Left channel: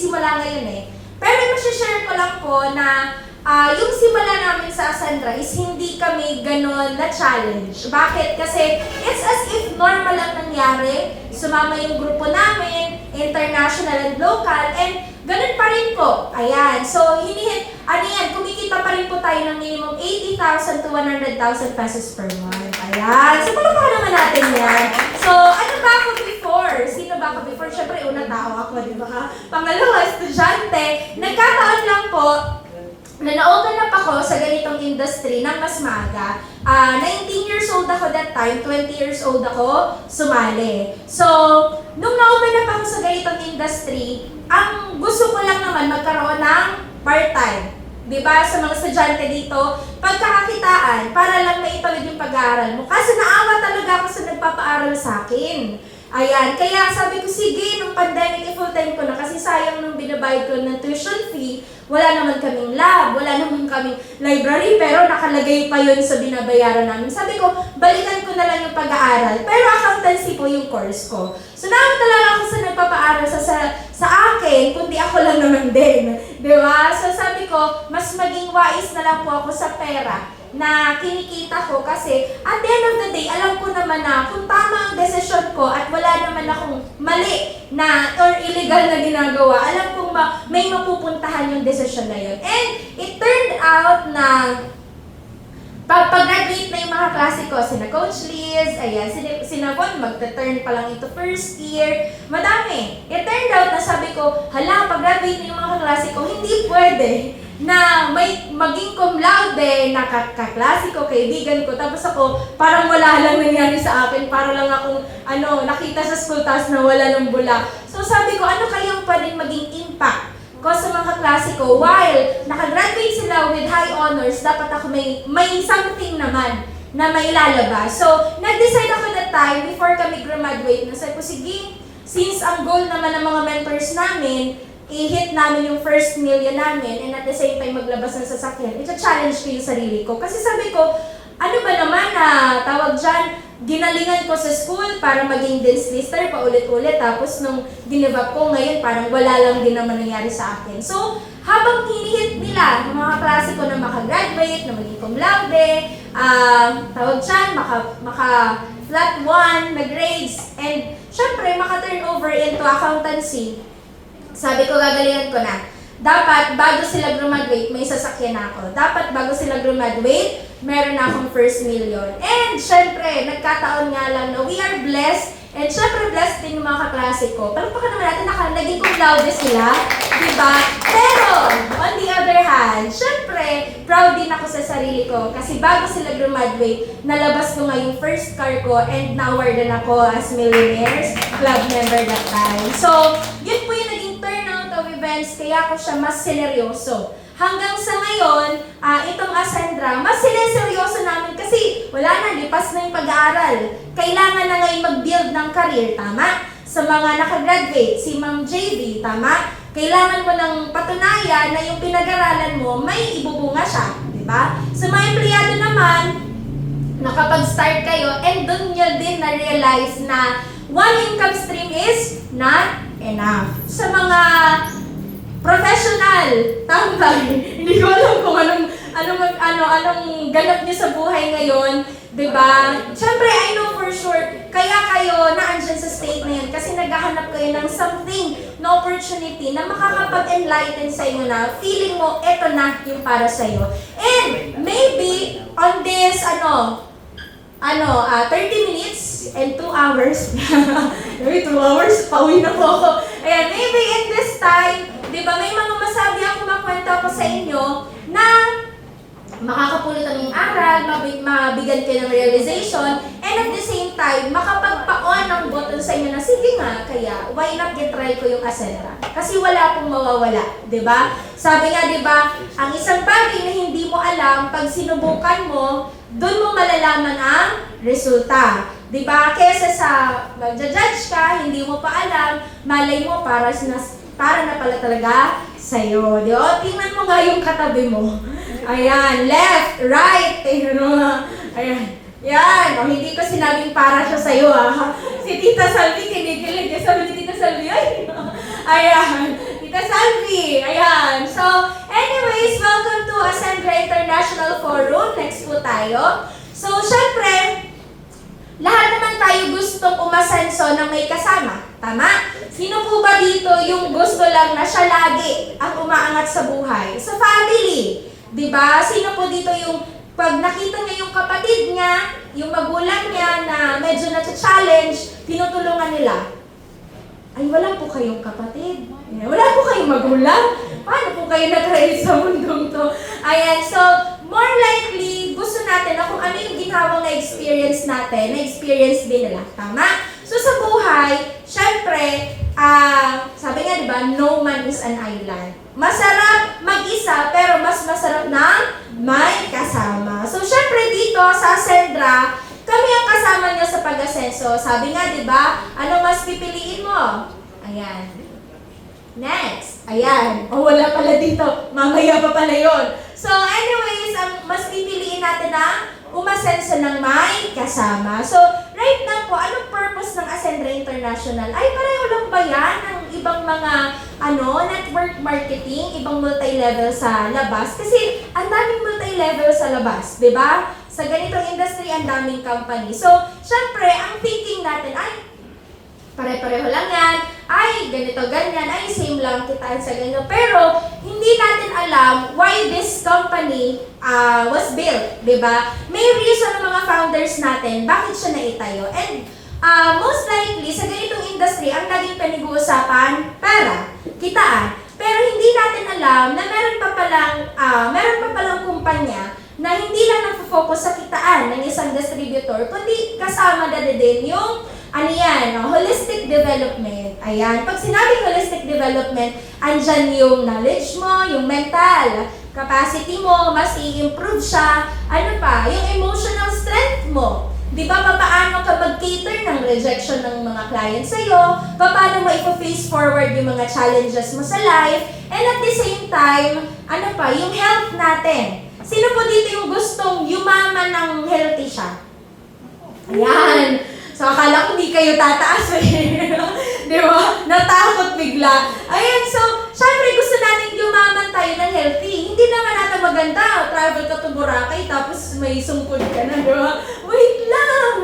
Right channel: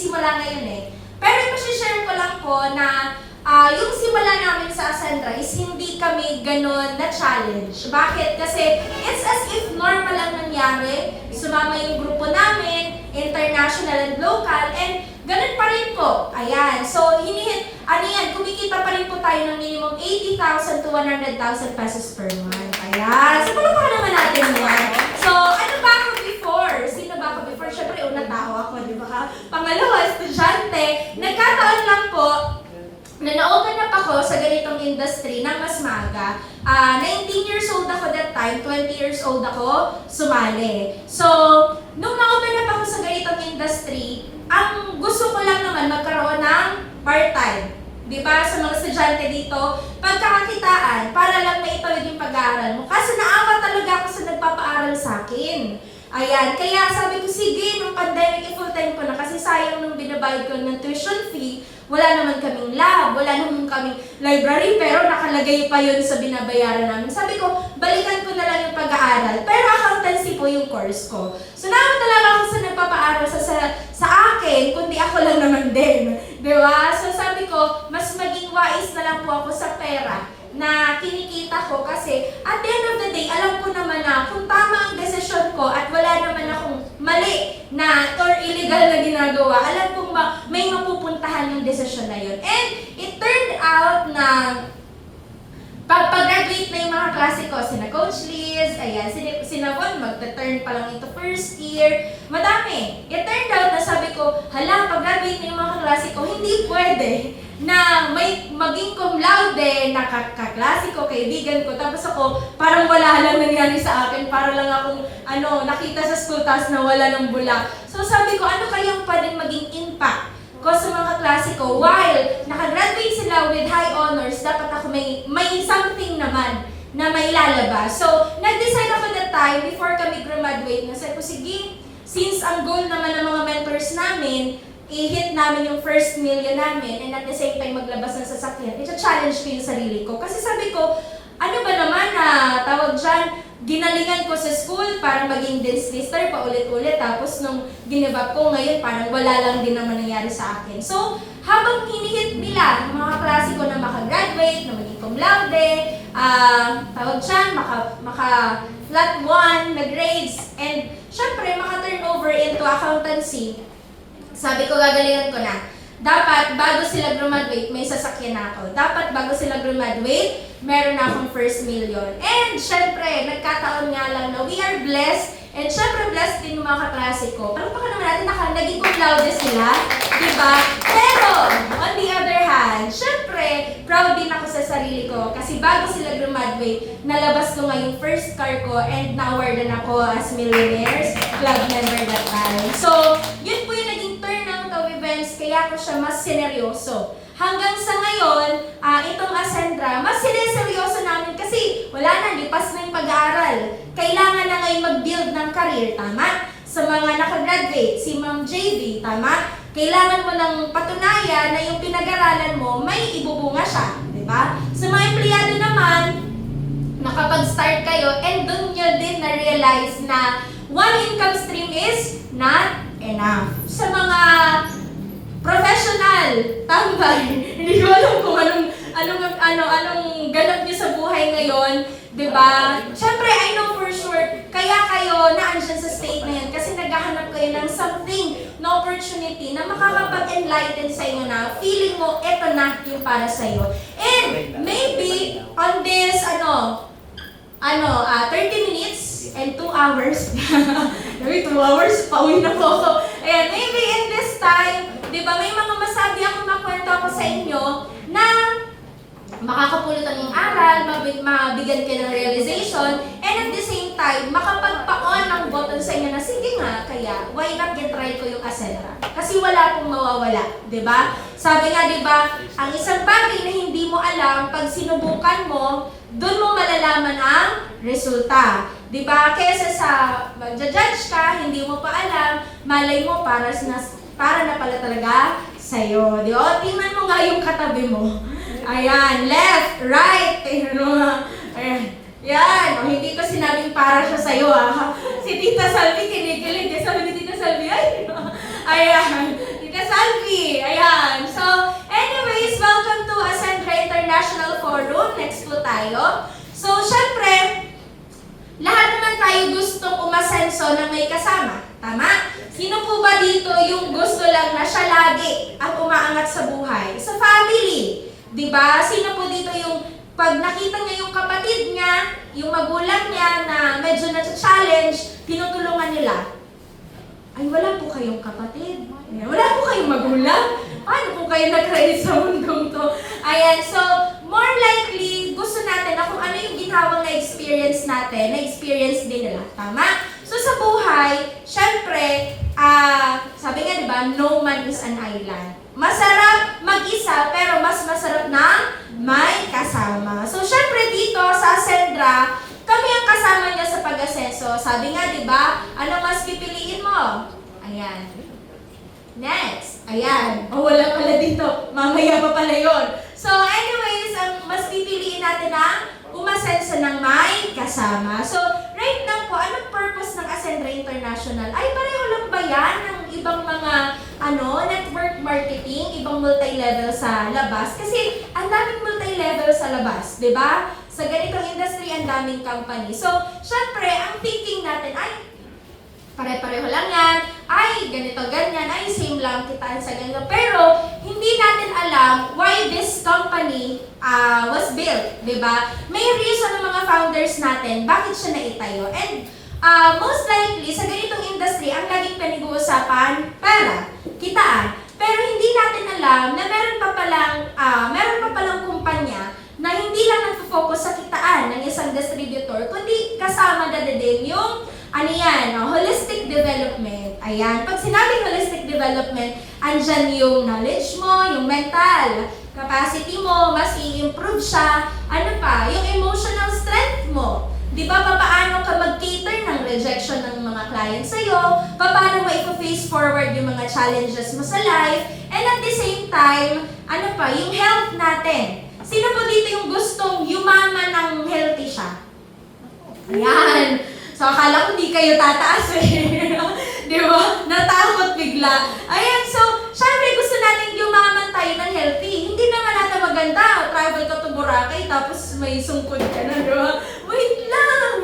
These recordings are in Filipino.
nagsisimula ngayon eh. Pero masashare ko lang po na yung simula namin sa Ascendra is hindi kami ganun na challenge. Bakit? Kasi it's as if normal ang nangyari. Sumama yung grupo namin, international and local, and ganun pa rin po. Ayan. So, kumikita pa rin po tayo ng minimum 80,000 to 100,000 pesos per month. Ayan. So, pa naman natin yan. So, ano ba ako before? Sino ba ako before? Siyempre, una tao ako, di ba? Pangalawa, estudyante. Nagkataon lang po, na na-open up ako sa ganitong industry ng mas maaga. 19 years old ako that time, 20 years old ako, sumali. So, nung na-open up ako sa ganitong industry, ang gusto ko lang naman magkaroon ng part-time. Diba? Sa mga estudyante dito, pagkakakitaan, para lang maitawid yung pag-aaral mo. Kasi naawa talaga ako sa nagpapaaral sa akin. Ayan, kaya sabi ko, sige, nung pandemic, i-full-time ko na kasi sayang nung binabayad ko ng tuition fee, wala naman kaming lab, wala naman kaming library, pero nakalagay pa yun sa binabayaran namin. Sabi ko, balikan ko na lang yung pag-aaral. Pero accountancy po yung course ko. So, naman talaga ako sa nagpapaaral sa akin, kundi ako lang naman din. Di ba? So, sabi ko, mas maging wise na lang po ako sa pera na kinikita ko kasi at the end of the day, alam ko naman na kung tama ang desisyon ko at wala naman akong mali na or illegal na ginagawa, alam kong may mapupuntahan yung desisyon na yun. And it turned out na pag-graduate na yung mga klase ko, sina Coach Liz, ayan, sina Von, magta-turn pa lang ito first year, madami. It turned out na sabi ko, hala, pag-graduate na yung mga klase ko, hindi pwede na may maging cum laude na kaklase ko, kaibigan ko, tapos ako, parang wala lang nangyari sa akin, para lang akong, nakita sa school task na wala ng bula. So sabi ko, ano kayang pwedeng maging impact ko sa mga klase ko? While nakagraduate sila with high honors, dapat ako may something naman na may lalabas. So, nag-decide ako that time, before kami graduate, na sabi ko, sige, since ang goal naman ng mga mentors namin, i-hit namin yung first million namin and at the same time maglabas ng sasakyan, ito-challenge ko yung sarili ko. Kasi sabi ko, ano ba naman tawag dyan, ginalingan ko sa school para maging dance lister paulit-ulit. Tapos nung give up ko ngayon, parang wala lang din naman nangyari sa akin. So, habang hinihit nila, yung mga klase ko na makagraduate, na maging cum laude, tawag dyan, maka flat 1 na grades, and syempre, maka-turn over into accountancy. Sabi ko, gagalingan ko na. Dapat, bago sila graduate, may sasakyan na ako. Dapat, bago sila graduate, meron na akong first million. And, syempre, nagkataon nga lang na we are blessed. And, syempre, blessed din yung mga kaklase ko. Palagpakan naman natin, naging cum laude sila. Diba? Pero, on the other hand, syempre, proud din ako sa sarili ko. Kasi bago sila graduate, nalabas ko nga yung first car ko and na-awarded ako as Millionaires Club member that time. So, yun po yung naging turnout of events, kaya ako siya mas sineryoso. Hanggang sa ngayon, itong Ascendra, mas sineryoso namin kasi wala na, lipas na yung pag-aaral. Kailangan na ngayon mag-build ng career, tama? Sa mga nakagraduate, si Ma'am JV, tama? Kailangan mo ng patunayan na yung pinag-aralan mo, may ibubunga siya, di ba? Sa mga empleyado naman, nakapag-start kayo, and doon nyo din na-realize na one income stream is not enough. Sa mga professional, tambay, hindi ko alam kung anong ganap niyo sa buhay ngayon, di ba? Siyempre, I know for sure, kaya kayo naandyan sa state na yan kasi naghahanap kayo ng something, na opportunity na makakapag-enlighten sa inyo na feeling mo, eto na yung para sa iyo. And maybe on this, 30 minutes and 2 hours, maybe 2 hours, pauwi na po ako. Ayan, maybe in this time, di ba, may mga masabi ako, makwento ako sa inyo na makakapulot ang iyong aral, mabigyan kayo ng realization, and at the same time, makapagpa-on ang button sa inyo na, sige nga, kaya, why not try ko yung Ascendra? Kasi wala pong mawawala, di ba? Sabi nga, di ba, ang isang bagay na hindi mo alam, pag sinubukan mo, doon mo malalaman ang resulta. Di ba? Kesa sa magja-judge ka, hindi mo pa alam, malay mo para na pala talaga sa'yo. Di ba? Tingnan mo nga yung katabi mo. Ayan, left, right, ayan. Yan, hindi ko sinabing para siya sa'yo Si Tita Salvi kinikilig. Sabi ni Tita Salvi, ayan. Tita Salvi, Alvi. Ayan. So, anyways, welcome to Ascendra International Forum. Next po tayo. So, syempre, lahat naman tayo gustong umasenso na may kasama. Tama? Sino po ba dito yung gusto lang na siya lagi ang umaangat sa buhay? Sa family. Diba? Sino po dito yung pag nakita niya yung kapatid niya, yung magulang niya na medyo na-challenge, tinutulungan nila? Ay, wala po kayong kapatid. Wala po kayong magulang. Paano po kayo nag-raise sa mundong to? Ayan, so, more likely, gusto natin na kung ano yung ginhawang na experience natin, na-experience din nila. Tama? So, sa buhay, syempre, sabi nga, di ba, no man is an island. Masarap mag-isa, pero mas masarap na may kasama. So, syempre dito sa Ascendra, kami ang kasama niya sa pag-asenso. Sabi nga, di ba, ano mas pipiliin mo? Ayan. Next. Ayan. O, wala pala dito. Mamaya pa pala yun. So, anyways, ang mas pipiliin natin na umasenso ng may kasama. So, right now po, anong purpose ng Ascendra International? Ay, pareho lang ba yan ng ibang mga network marketing, ibang multi-level sa labas? Kasi ang daming multi-level sa labas, di ba? Sa ganitong industry, ang daming company. So, syempre, ang thinking natin ay pare-pareho lang yan, ay ganito, ganyan, ay same lang kitaan sa ganito. Pero, hindi natin alam why this company was built, di ba? May reason ng mga founders natin, bakit siya naitayo. And most likely, sa ganitong industry, ang laging pinag-uusapan, pera, kitaan. Pero hindi natin alam na meron pa palang kumpanya na hindi lang nag-focus sa kitaan ng isang distributor, kundi kasama na din yung holistic development. Ayan. Pag sinabing holistic development, andyan yung knowledge mo, yung mental capacity mo, mas i-improve siya. Ano pa? Yung emotional strength mo. Di ba, paano ka mag-cater ng rejection ng mga clients sa'yo? Paano mo i-face forward yung mga challenges mo sa life? And at the same time, yung health natin. Sino po dito yung gustong yumaman ng healthy siya? Ayan. So, akala ko di kayo tataas eh. Di ba? Natakot bigla. Ayan, so, syempre gusto natin yumaman tayo ng healthy. Hindi naman natin maganda. Travel ka to Boracay, tapos may sungkod ka na, di ba? Wait lang!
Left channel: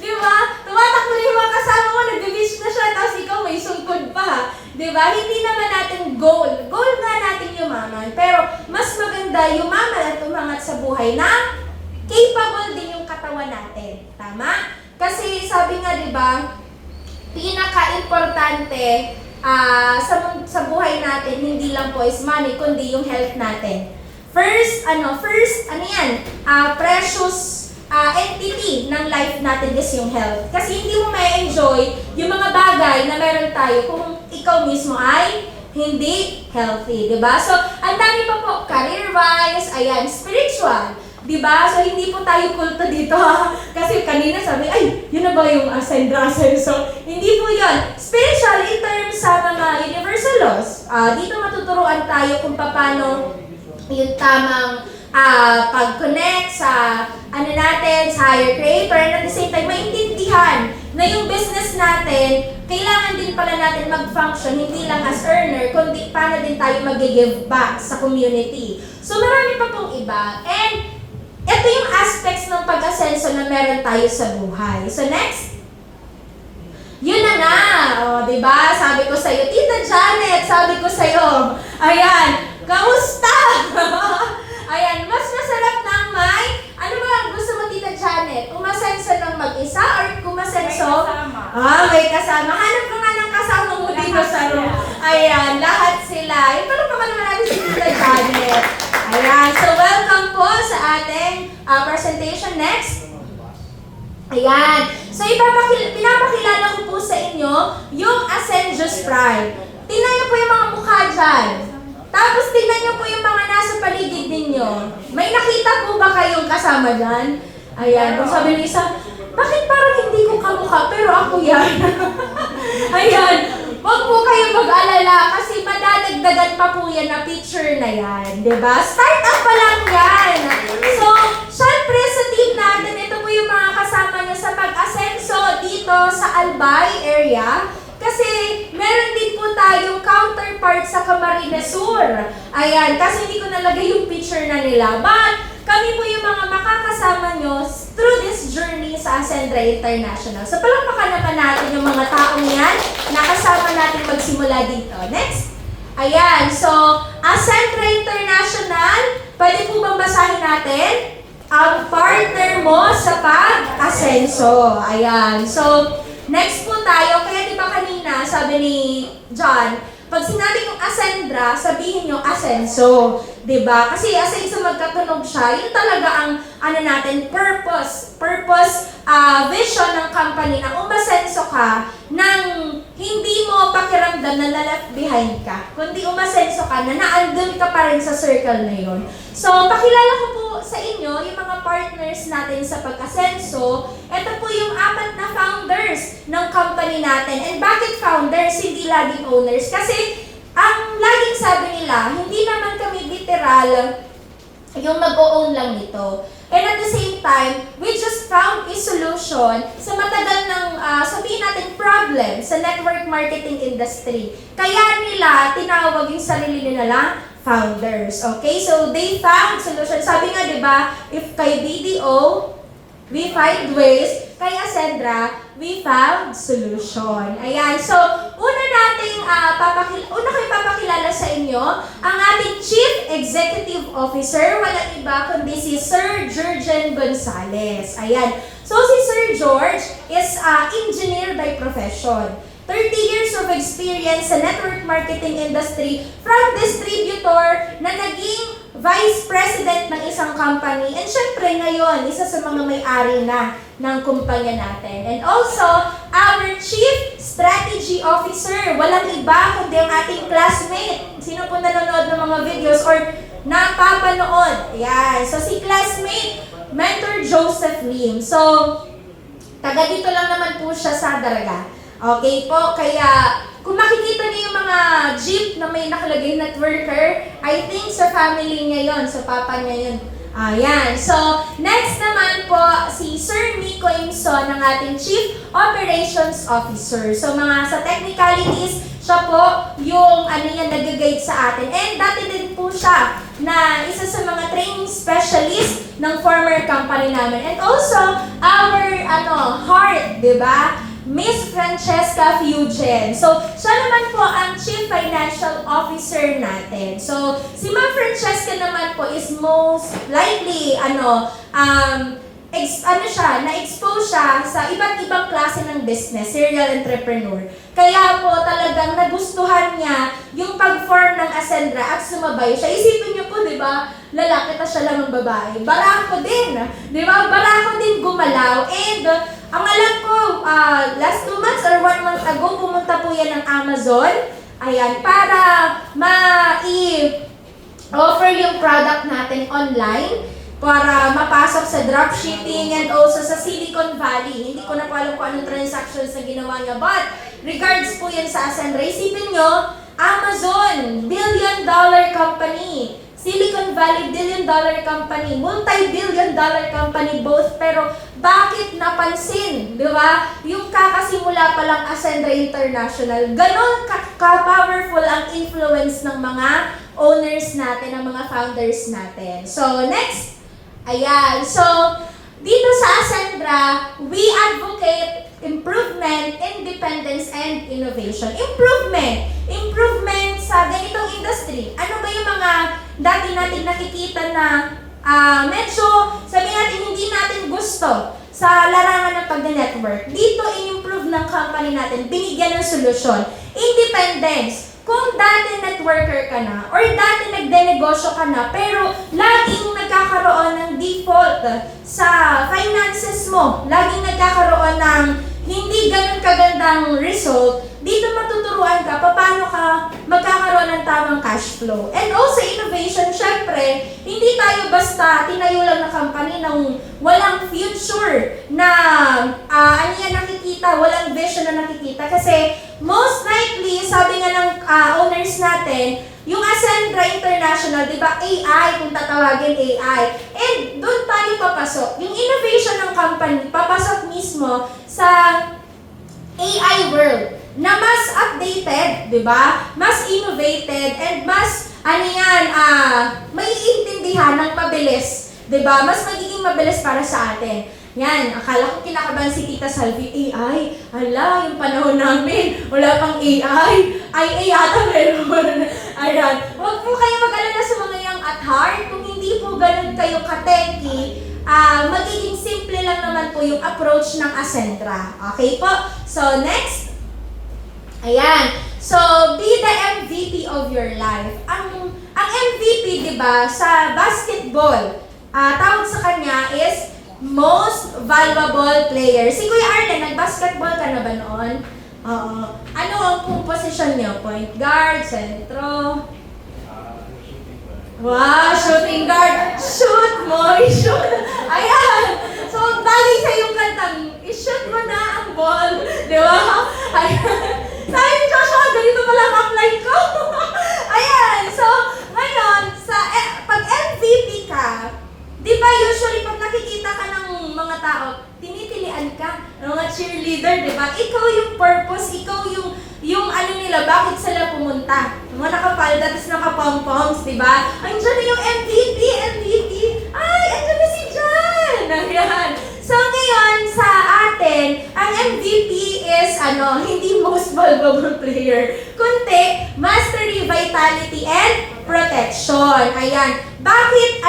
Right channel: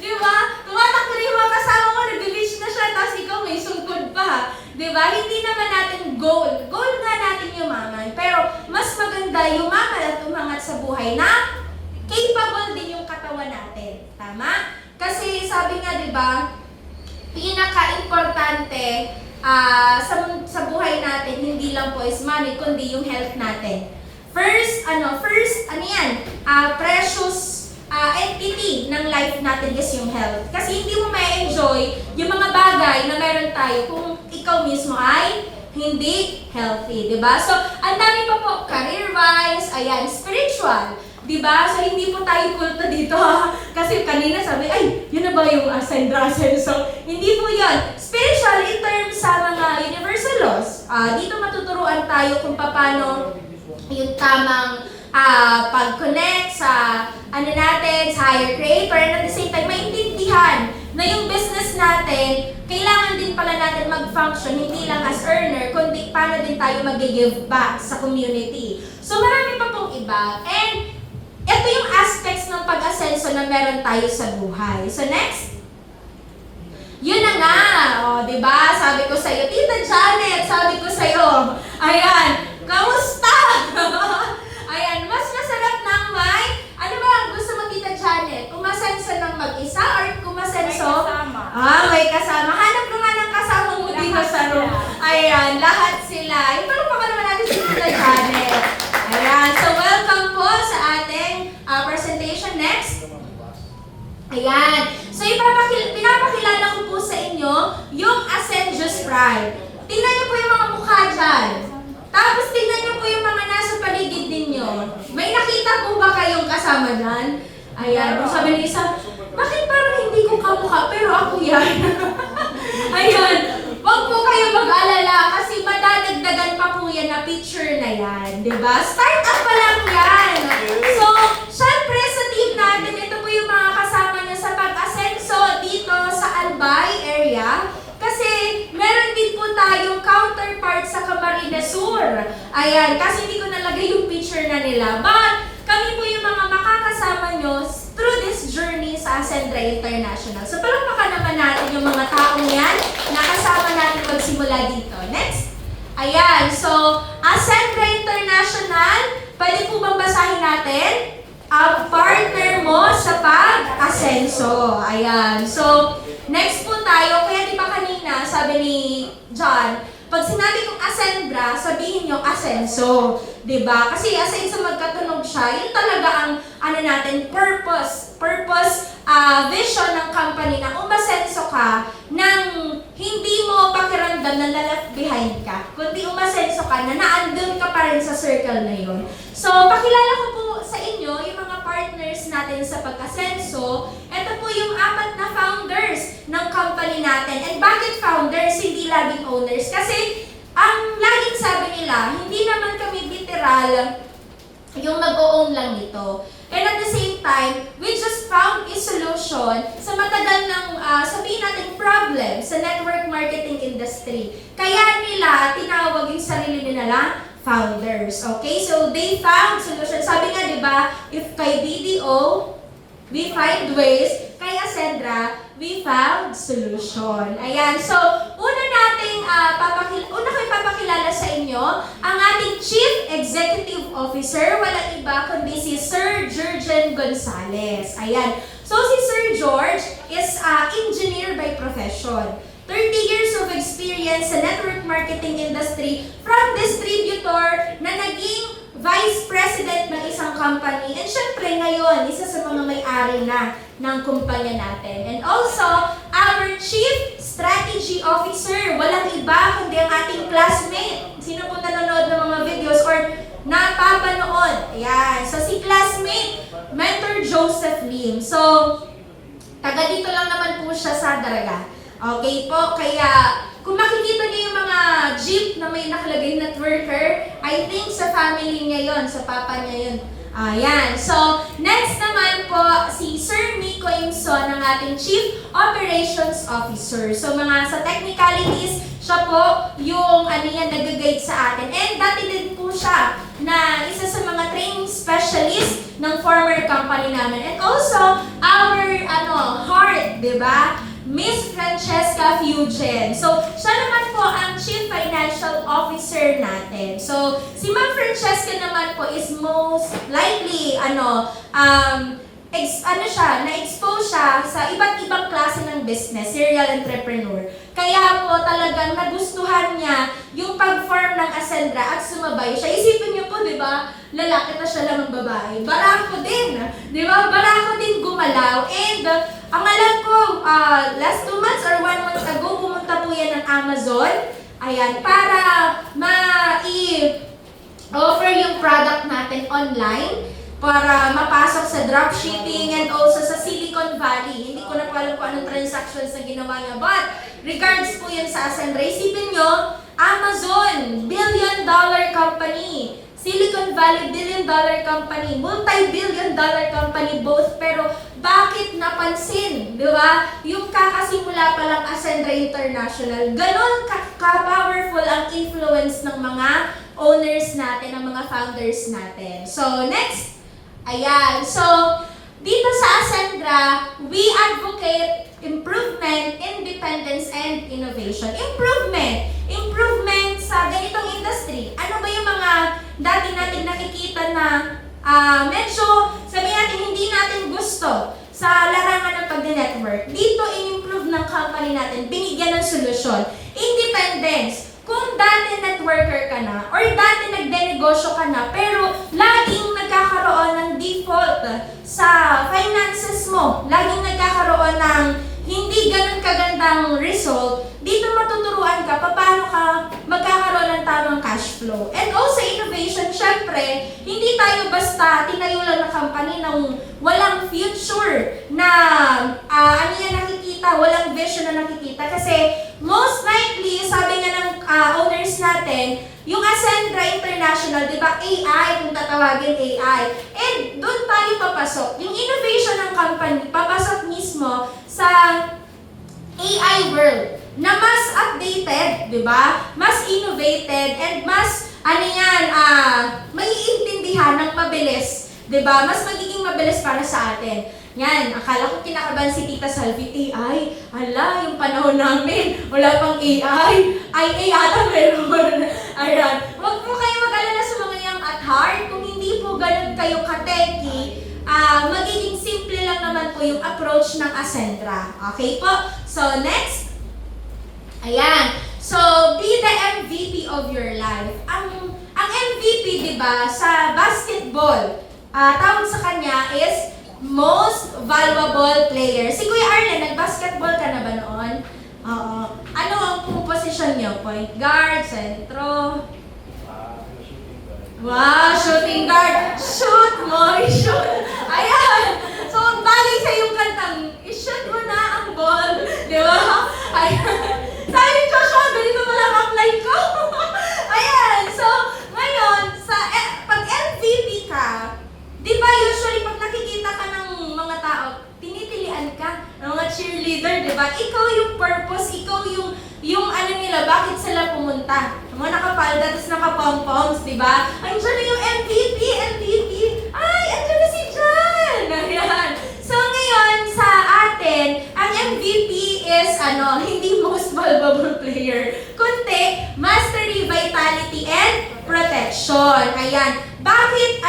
Di ba? Tumatakbo na yung mga kasama mo, nag-release na siya, tapos ikaw may sungkod pa. Di ba? Hindi naman natin goal. Goal nga natin yumaman. Pero, mas maganda yumaman at umangat sa buhay na capable din yung katawan natin. Tama? Kasi sabi nga, di ba, pinaka-importante sa buhay natin, hindi lang po is money, kundi yung health natin. First, precious entity ng life natin is yung health. Kasi hindi mo ma-enjoy yung mga bagay na meron tayo kung ikaw mismo ay hindi healthy, di ba? So, ang dami pa po, career-wise, spiritual. Diba? So, hindi po tayo kulto dito. Kasi kanina sabi, ay, yun na ba yung Ascendra Ascenso? Hindi po yun. Spiritual in terms sa mga universal laws. Dito matuturuan tayo kung paano yung tamang pag-connect sa sa higher creator. And at the same time, maintindihan na yung business natin, kailangan din pala natin mag-function, hindi lang as earner, kundi paano din tayo mag-give back sa community. So, marami pa pong iba. And ito yung aspects ng pag-asenso na meron tayo sa buhay. So next, yun na nga. Diba? Sabi ko sa'yo, Tita Janet, sabi ko sa'yo, ayan, kamusta? Ayan, mas masarap ng may, ano ba ang gusto mo, Tita Janet? Umasenso ng mag-isa or kumasenso? May kasama. Hanap ka nga ng kasama mo dito sa room. Ayan, lahat sila. Ito pa naman natin si Tita Janet. Ayan, so welcome po sa ating presentation. Next. Ayan. So, pinapakilala ko po sa inyo yung Ascendius Pride. Tingnan niyo po yung mga mukha dyan. Tapos, tingnan niyo po yung mga nasa paligid ninyo. May nakita po ba kayong kasama dyan? Ayan. Kung sabi ni isa, bakit parang hindi ko kamukha, pero ako yan? Ayan. Huwag po kayong mag-alala kasi madadagdagan pa po yan na picture na yan. Diba? Start up pa lang yan. So, syempre sa team natin, ito po yung mga kasama nyo sa pag-asenso dito sa Albay area. Kasi meron din po tayong counterpart sa Camarines Sur. Ayan, kasi hindi ko nalagay yung picture na nila. But, kami po yung mga makakasama nyo through this journey sa Ascendra International. So, palakpakan naman natin yung mga taong yan na kasama natin magsimula dito. Next. Ayan, so, Ascendra International, pwede po bang basahin natin? Ang partner mo sa pag-asenso. Ayan, so, next po tayo. Kaya di ba kanina, sabi ni John, pag sinabi kong Ascendra, sabihin nyo asenso. Diba? Kasi asenso magkatunog siya. Yun talaga ang natin, purpose, vision ng company na umasenso ka nang hindi mo pakiramdam na left behind ka. Kundi umasenso ka na naandun ka pa rin sa circle na yun. So, pakilala ko po sa inyo yung mga partners natin sa pag-asenso. Ito po yung 4 na founders ng company natin. And bakit founders, hindi laging owners? Kasi ang laging sabi nila, hindi naman kami literal yung mag-o-own lang nito. And at the same time, we just found a solution sa matagal ng, sabihin natin, problem sa network marketing industry. Kaya nila tinawag yung sarili nila founders. Okay? So, they found solution. Sabi nga, di ba, if kay BDO, we find ways, kay Ascendra, we found solution. Ayan. So, una ko ipapakilala sa inyo ang ating Chief Executive Officer, walang iba kundi si Sir Jurgen Gonzales. Ayan. So, si Sir George is engineer by profession. 30 years of experience sa network marketing industry from distributor na naging vice president ng isang company. And syempre ngayon, isa sa mga may-ari na ng kumpanya natin. And also, our Chief Strategy Officer, walang iba kundi ang ating classmate. Sino po nanonood ng mga videos or napapanood? Ayan. So, si classmate, Mentor Joseph Lim. So, taga dito lang naman po siya sa Daraga. Okay po, kaya kung makikita niyo yung mga jeep na may nakalagay networker, I think sa family niya yun, sa papa niya yun. Ayan. So, next naman po, si Sir Miko Imson, ng ating Chief Operations Officer. So, mga sa technicalities, siya po yung nag-guide sa atin. And dati din po siya na isa sa mga training specialist ng former company namin. And also, our heart, di ba? Miss Francesca Fugen. So, siya naman po ang Chief Financial Officer natin. So, si Ma'am Francesca naman po is most likely, na-expose siya sa iba't ibang klase ng business, serial entrepreneur. Kaya po talagang nagustuhan niya yung pag-form ng Ascendra at sumabay siya. Isipin niyo po, di ba, lalaki na siya lang ng babae. Bara ako din, di ba? Bara ako din gumalaw. And ang alam ko, last 2 months or 1 month ago, pumunta po yan ng Amazon. Ayan, para ma-offer yung product natin online para mapasok sa dropshipping and also sa Silicon Valley. Hindi ko na pa alam kung anong transactions na ginawa niya. But, regards po yan sa Ascendra. Isipin nyo, Amazon, billion-dollar company. Silicon Valley, billion-dollar company. Multi-billion-dollar company both. Pero, bakit napansin? Di ba? Yung kakasimula pa lang Ascendra International, ganon ka-powerful ang influence ng mga owners natin, ng mga founders natin. So, next. Ayan. So, dito sa Ascendra, we advocate improvement, independence, and innovation. Improvement sa ganitong industry. Ano ba yung mga dati natin nakikita na medyo, sabihin natin, hindi natin gusto sa larangan ng pag-network. Dito, i-improve ng company natin, binigyan ng solusyon. Independence. Kung dati networker ka na, or dati nagdenegosyo ka na, pero laging nagkakaroon ng default sa finances mo, laging nagkakaroon ng hindi ganun kagandang result, dito matuturuan ka paano ka magkakaroon ng tamang cash flow. And also innovation, syempre, hindi tayo basta tinayo lang na company ng walang future na nakikita, walang vision na nakikita. Kasi most likely, sabi nga ng owners natin, yung Ascendra International, di ba, AI, kung tatawagin AI. And doon tayo papasok. Yung innovation ng company, papasok mismo sa AI world. na mas updated, di ba? Mas innovated, and mas, maiintindihan ng mabilis. Diba? Mas magiging mabilis para sa atin. Yan, akala ko kinakabahan si Tita Salvi, AI. Hala, yung panahon namin, wala pang AI. Ay, ata meron. Ayan. Huwag po kayo mag-alala sa mga yung at heart. Kung hindi po ganun kayo ka-techy, magiging simple lang naman po yung approach ng Ascentra. Okay po? So, next. Ayan. So, be the MVP of your life. Ang MVP, diba, sa basketball, tawag sa kanya is most valuable player. Si Kuya Arlen, nag-basketball ka na ba noon? Oo. Ano ang position niyo? Point guard, sentro? Shooting guard. Wow, shooting guard. Shoot mo, i-shoot. Ayan. So, bagay sa yung kantang, i-shoot mo na ang ball. Di ba? Ayan. Sabi ni Joshua, ganito pala ang-apply ko. Ayan. So, ngayon, pag MVP ka, di ba usually pag nakikita ka ng mga tao, tinitilian ka ng mga cheerleader, di ba? Ikaw yung purpose, ikaw yung ano nila, bakit sila pumunta. Yung mga nakapalda, tapos nakapom-poms, di ba? Andiyan na yung MVP. Ay, andiyan na si John! Ayan. So ngayon, sa atin, ang MVP is, hindi most valuable player, kundi mastery, vitality, and protection. Ayan. Bakit,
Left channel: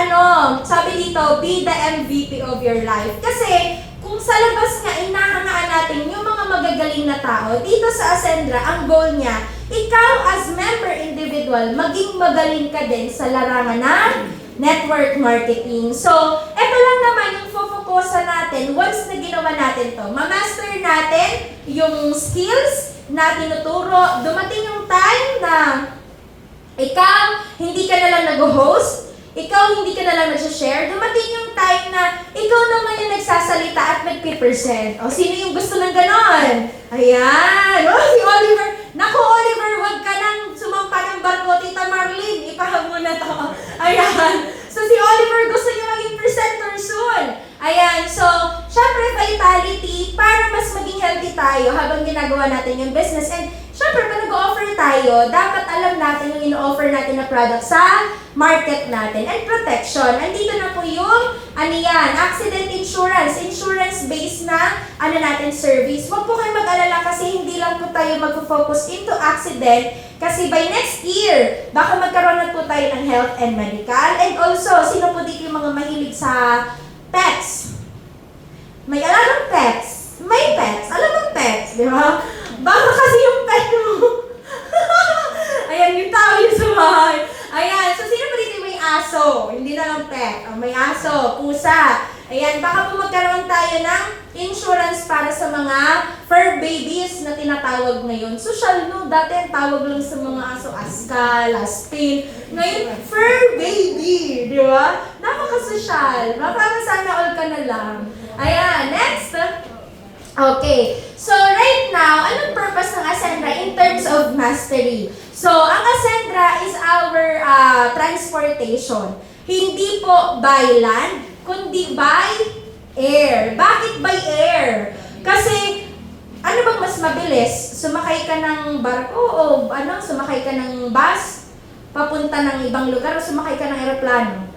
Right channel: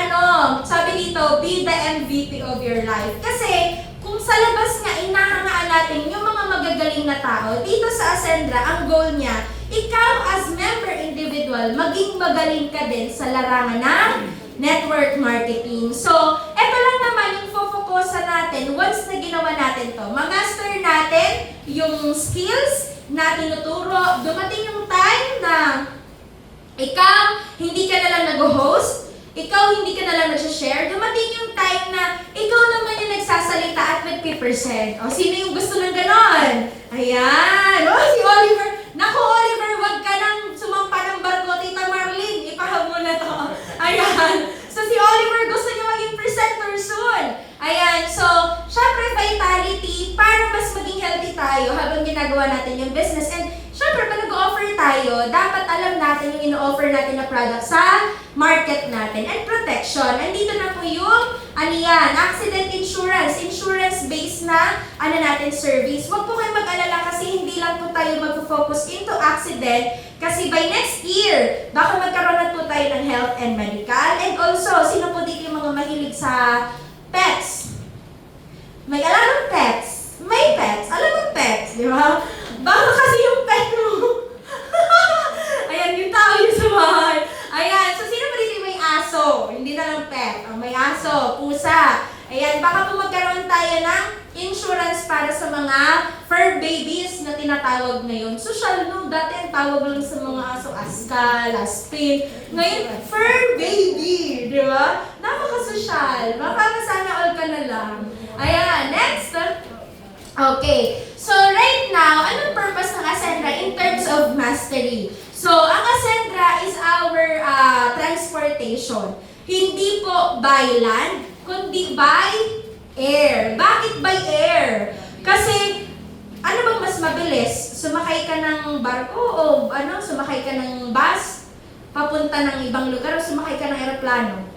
sabi dito, be the MVP of your life? Kasi, kung sa labas nga, inahangaan natin yung mga magagaling na tao, dito sa Ascendra, ang goal niya, ikaw as member individual, maging magaling ka din sa larangan ng network marketing. So, eto lang naman yung focusan natin once na ginawa natin to. Ma-master natin yung skills na tinuturo. Dumating yung time na ikaw, hindi ka na lang nag-host, ikaw hindi ka na lang nag-share, dumating yung time na ikaw naman yung nagsasalita at nag-present. O, sino yung gusto ng ganon? Ayan! O, si Oliver! Naku, Oliver, huwag ka nang sumampa ng barko, Tita Marlene, ipahag mo na to. Ayan! So, si Oliver gusto niya maging presenter soon. Ayan, so, syempre vitality, para mas maging healthy tayo habang ginagawa natin yung business. And syempre, pag nag-offer tayo, dapat alam natin yung in-offer natin na product sa market natin. And protection. Andito na po yung, accident insurance-based na, natin service. Huwag po kayo mag-alala kasi hindi lang po tayo mag-focus into accident. Kasi by next year, baka magkaroon na po tayo ng health and medical. And also, sino po dito yung mga mahilig sa pets? May alam ng pets? May pets. Alam ng pets, di ba? Baka kasi yung pet mo. Ayan, yung tao yung sa bahay. Ayan, so sino ba dito may aso? Hindi na lang pet. May aso, pusa. Ayan, baka po magkaroon tayo ng insurance para sa mga fur babies na tinatawag ngayon. Social, no? Dati ang tawag lang sa mga aso, askal, aspin. Ngayon, fur baby, di ba? Napaka-social. Mapapasana all ka na lang. Ayan, next. Okay, so right now, anong purpose ng Ascendra in terms of mastery? So, ang Ascendra is our transportation. Hindi po by land, kundi by air. Bakit by air? Kasi, ano bang mas mabilis? Sumakay ka ng barko o sumakay ka ng bus? Papunta ng ibang lugar o sumakay ka ng aeroplano?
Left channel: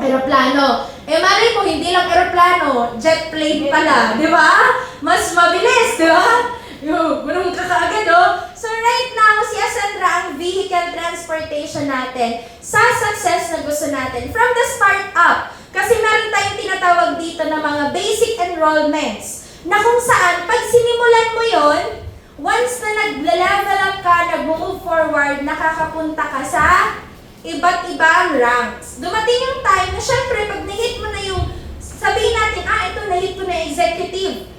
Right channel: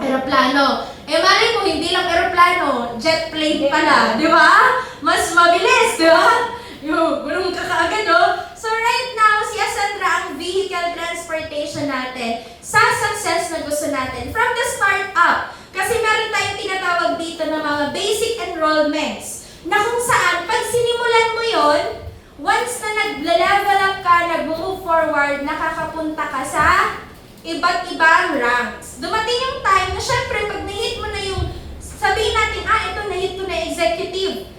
Aeroplano. Malay mo, hindi lang aeroplano, jet plane pala, di ba? Mas mabilis, di ba? Ganun ka kaagad, So right now, si Ascendra ang vehicle transportation natin sa success na gusto natin. From the start up, kasi meron tayong tinatawag dito na mga basic enrollments na kung saan, pag sinimulan mo yon, once na nag-level up ka, nag-move forward, nakakapunta ka sa iba't ibang ranks. Dumating yung time na syempre, pag na-hit mo na yung, sabihin natin, ito na-hit ko na executive,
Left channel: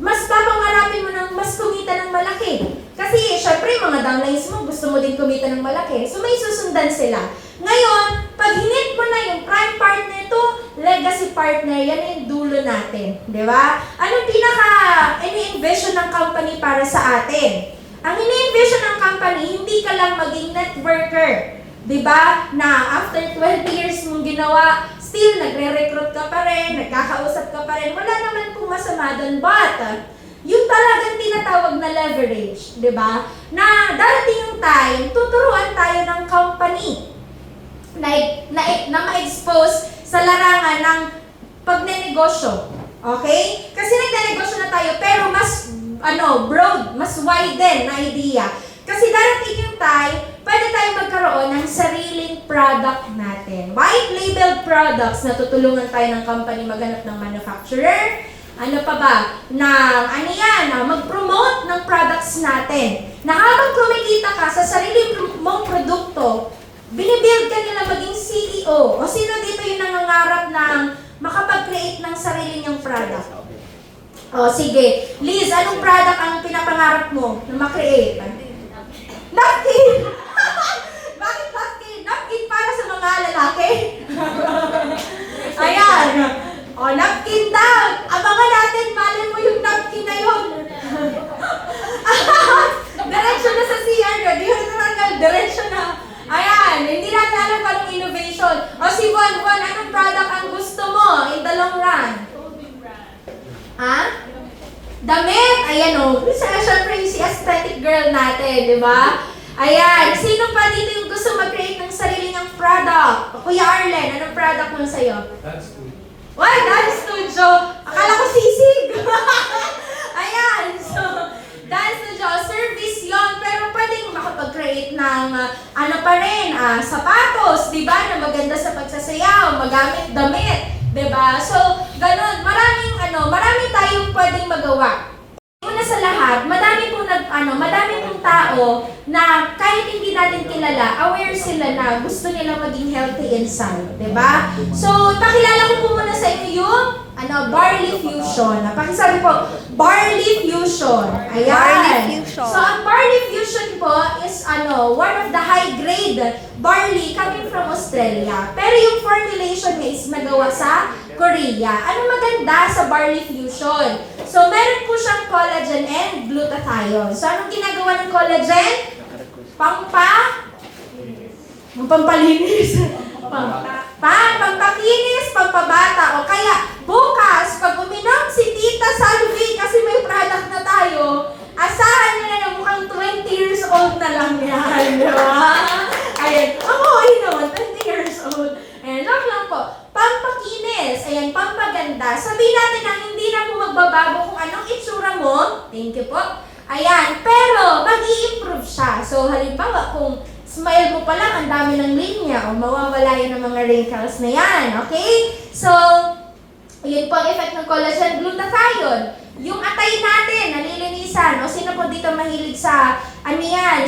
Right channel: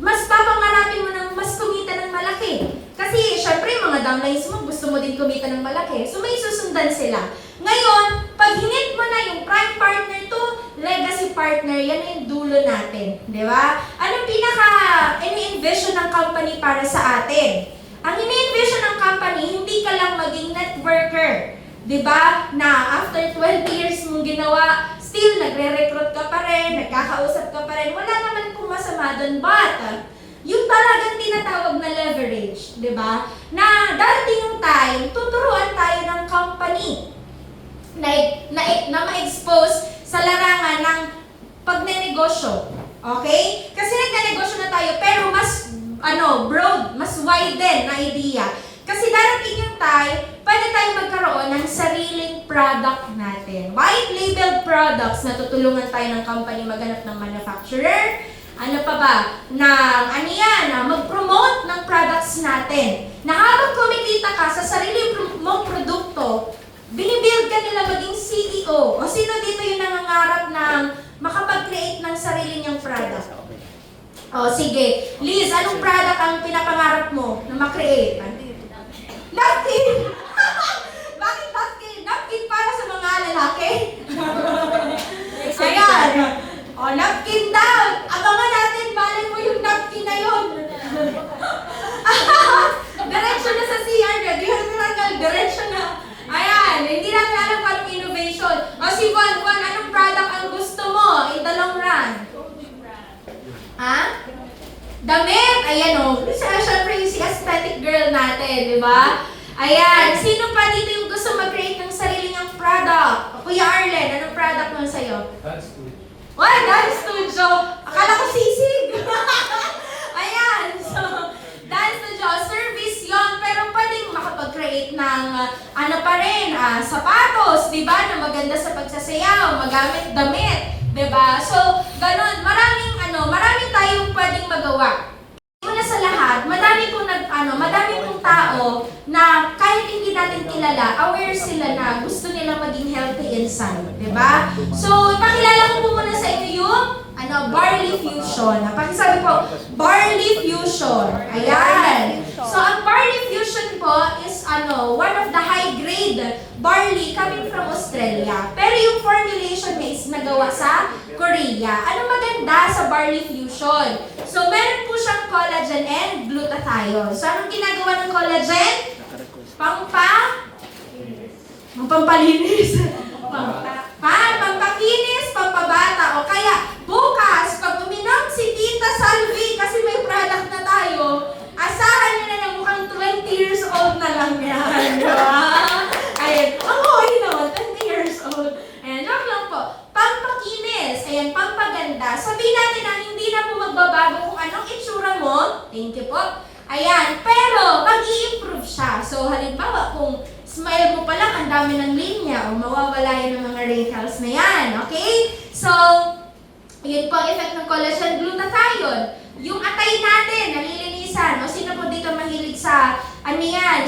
mas papangarapin mo ng mas kumita ng malaki. Kasi syempre, mga downlines mo, gusto mo din kumita ng malaki. So may susundan sila. Ngayon, pag hinit mo na yung prime partner to, legacy partner, yan yung dulo natin. Di ba? Anong ini-envision ng company para sa atin? Ang ini-envision ng company, hindi ka lang maging networker. Diba? Na after 12 years mong ginawa, still nagre-recruit ka pa rin, nagkakausap ka pa rin, wala naman pong masama doon. But, yung talagang tinatawag na leverage, di ba? Na darating yung time, tuturuan tayo ng company na ma-expose sa larangan ng pagnenegosyo. Okay? Kasi nagnenegosyo na tayo, pero mas broad, mas widen na idea. Kasi darating yung time, pwede tayong magkaroon ng sariling product natin. White label products na tutulungan tayo ng company maghanap ng manufacturer. Ano pa ba? Na mag-promote ng products natin. Na habang kumikita ka sa sarili mong produkto, binibuild ka nila maging CEO. O sino dito yung nangangarap ng makapag-create ng sarili niyang product? O sige, Liz, anong product ang pinapangarap mo na ma-create? Napkin! Bakit napkin? Napkin para sa mga lalaki? Ayan! O, napkin daw! Abangan natin, malin mo yung napkin na yun. Diretso na sa CR na, di na natanggal, diretso na. Ayan, hindi natin alam kung anong innovation. O si Von, anong product ang gusto mo in the long run? Ha? Damit! Ayan o. Siyempre yung si aesthetic girl natin, di ba? Ayan. Sino pa dito yung gusto mag-create ng sarili niyang product? Kuya Arlen, anong product mo sa'yo? Dance studio. What? Dance studio? Akala ko sisig! Ayan. So, dance studio, service yon, pero pwedeng makapag-create ng sapatos, di ba? Na maganda sa pagsasayaw, magamit damit. Diba? So, ganun. Maraming tayong pwedeng magawa. Una sa lahat, madami pong tao na kahit hindi natin kilala, aware sila na gusto nila maging healthy inside. Diba? So, pakilala ko po muna sa inyo yung Barley Fusion. Pakisabi po, Barley Fusion. Ayan. Barley Fusion. So, ang Barley Fusion po is one of the high-grade barley coming from Australia. Pero yung formulation niya is nagawa sa Korea. Ano maganda sa Barley Fusion? So, meron po siyang collagen and glutathione. So, anong ginagawa ng collagen? Pampalinis. Pampakinis, pampabata. O kaya, bukas, pag uminom si Tita Salvi, kasi may product na tayo, asahan nyo na mukhang 20 years old na lang yan. Ayan. I know, 20 years old. Ayan, joke lang po. Pampakinis, ayan, pampaganda. Sabihin natin na hindi na po magbabago kung anong itsura mo. Thank you po. Ayan, pero mag-i-improve siya. So, halimbawa, kung smile mo pa lang, ang dami ng linya, o mawawala yan ng mga wrinkles na yan, okay? So, yun po ang effect ng collagen glutathione. Yung atay natin, nalilinisan. O sino po dito mahilig sa,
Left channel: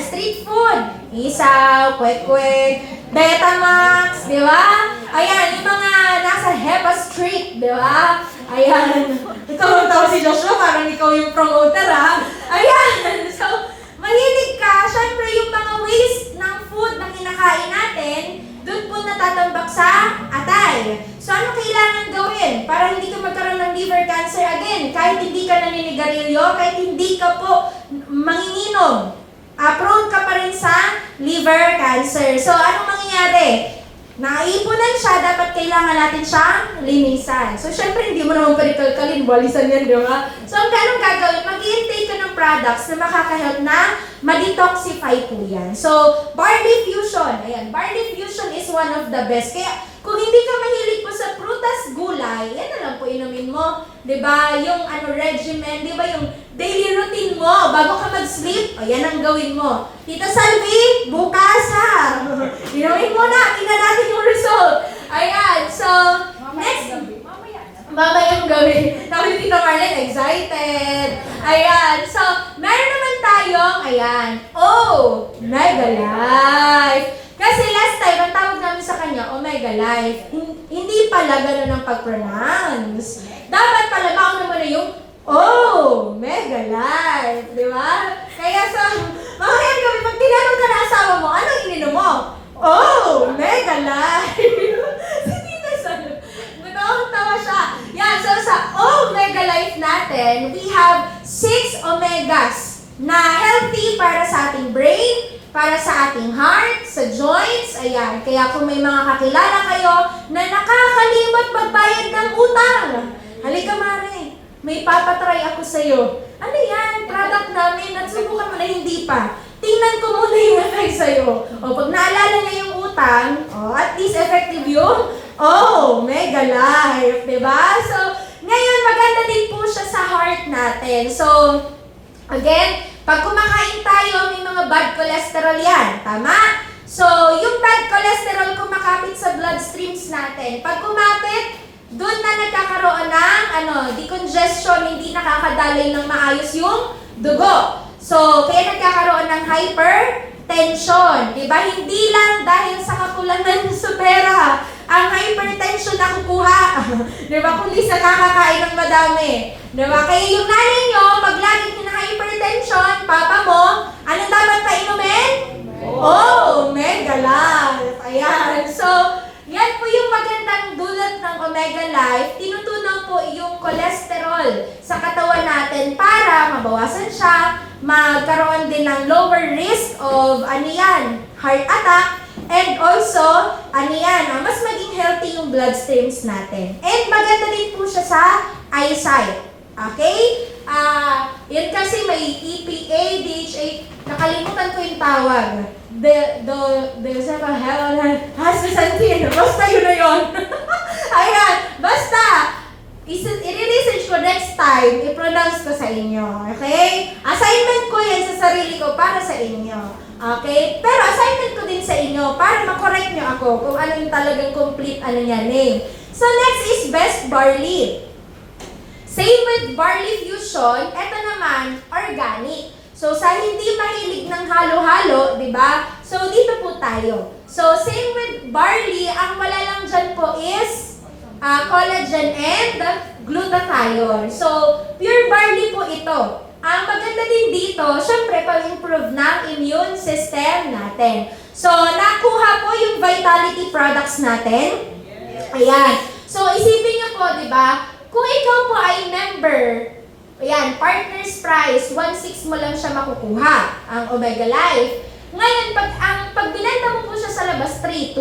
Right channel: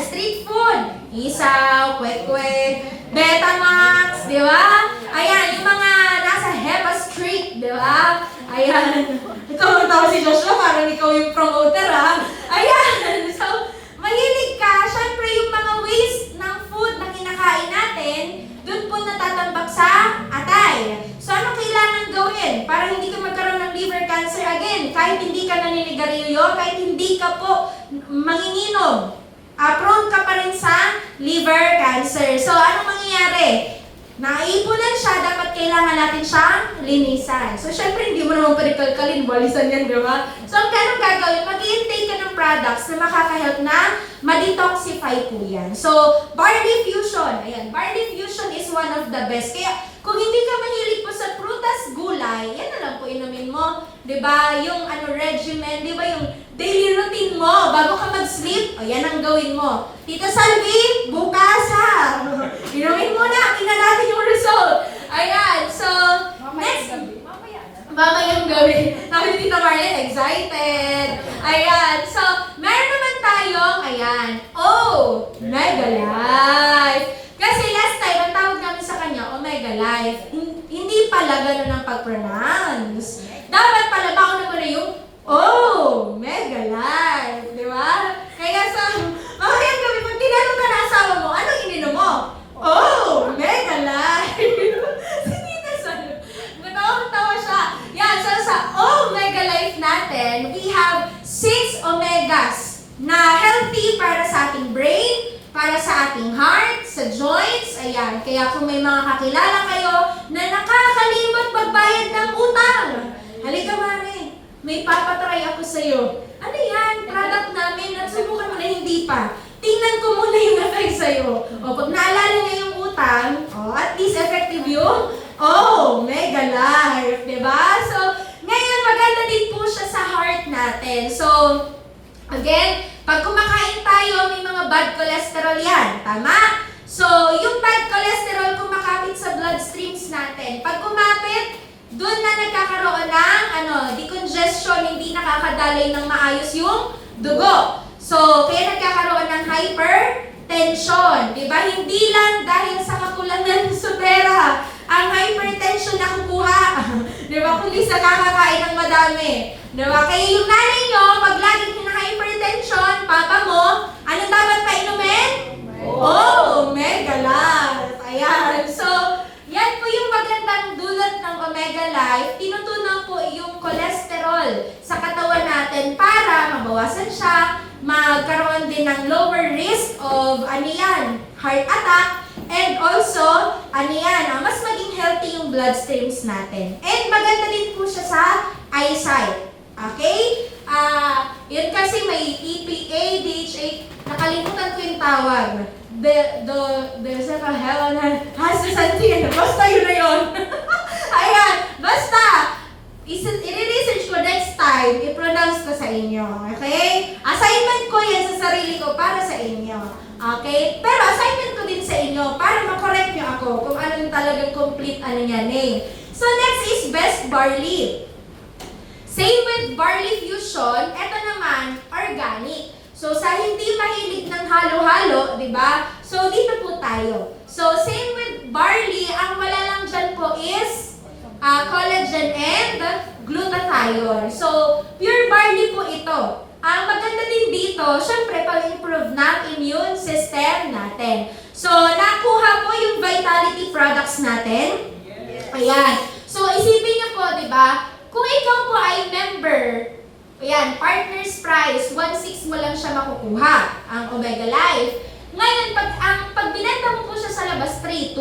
street food? Isaw, kwek-kwek, Betamax, di ba? Ayan, yung mga nasa Hepa Street, di ba? Ayan. Ito, si Joshua, parang ikaw yung promoter, ha? Ayan. So, mahilig ka, syempre yung mga waste ng food na kinakain natin, doon po natatambak sa atay. So, ano kailangan gawin para hindi ka magkaroon ng liver cancer again? Kahit hindi ka naninigarilyo, kahit hindi ka po manginginom, prone ka pa rin sa liver cancer. So, ano mangyayari? Naipunan siya, dapat kailangan natin siyang linisan. So, syempre, hindi mo naman parikalkalin, balisan yan, di ba? So, ang ganun gagawin, mag-i-intake ka ng products na makakahelp na ma-detoxify po yan. So, Barley Fusion. Ayan, Barley Fusion is one of the best. Kaya, kung hindi ka mahilig po sa prutas, gulay, yan na lang po inumin mo. Di ba? Yung regimen, di ba? Yung daily routine mo, bago ka mag-sleep, ayan ang gawin mo. Tita Salvi, bukas ha! Inumin mo na, tingnan natin yung result. Ayan, so, next. Mamayang gabi. Sabi ni Tita Marlene, excited. Ayan, so, meron naman tayong, Omega Life. Kasi last time, ang tawag namin sa kanya, Omega Life. Hindi pala ganun ang pag-pronounce. Dapat pala, mauna mo na yung Omega Life. Di ba? Kaya sa, mamayang gabi, pag tinanong ka na asawa mo, anong ininom mo? Omega Life. Tawa siya. Yan, so sa Omega Life natin, we have 6 omegas na healthy para sa ating brain, para sa ating heart, sa joints, ayan. Kaya kung may mga kakilala kayo na nakakalimot magbayad ng utang, halika Mare, may papatry ako sa'yo. ano yan, product namin, nagsubukan mo na hindi pa. Tingnan ko muna yung effect sa'yo. O, pag naalala niya yung utang, at least effective yung, Mega Life, diba? So, ngayon, maganda din po siya sa heart natin. So, again, pag kumakain tayo, may mga bad cholesterol yan. Tama? So, yung bad cholesterol kumakapit sa bloodstreams natin. Pag kumapit, doon na nagkakaroon ng decongestion, hindi nakakadaloy ng maayos yung dugo. So, kaya nagkakaroon ng hypertension. Diba? Hindi lang dahil sa kakulangan sa pera ang hypertension na kukuha. Diba? Kundi sa kakakain ng madami. Diba? Kaya yung nanay nyo, pag lagi na hypertension, papa mo, anong dapat painumin? Omega Life. Ayan. So, yan po yung magandang dulot ng Omega Life. Tinutunaw po yung cholesterol sa katawan natin para mabawasan siya, magkaroon din ng lower risk of heart attack, and also, mas maging healthy yung bloodstreams natin. And maganda din po siya sa eyesight. Okay? Yun kasi may EPA, DHA, nakalimutan ko yung tawag. Basta yun na yun. Ayan, basta, i-research ko next time, i-pronounce ko sa inyo. Okay? Assignment ko yan sa sarili ko para sa inyo. Okay? Pero assignment ko din sa inyo para makorek nyo ako kung anong talagang complete name. So next is best barley. Same with barley fusion, eto naman, organic. So, sa hindi mahilig ng halo-halo, di ba? So, dito po tayo. So, same with barley, ang wala lang dyan po is collagen and glutathione. So, pure barley po ito. Ang maganda din dito, syempre, pag-improve ng immune system natin. So, nakuha po yung vitality products natin. Ayan. So, isipin nyo po, di ba? Kung ikaw po ay member, ayan, partner's price, 1.6 mo lang siya makukuha, ang Omega Life. Ngayon, pag binenta mo po siya sa labas, 3.2.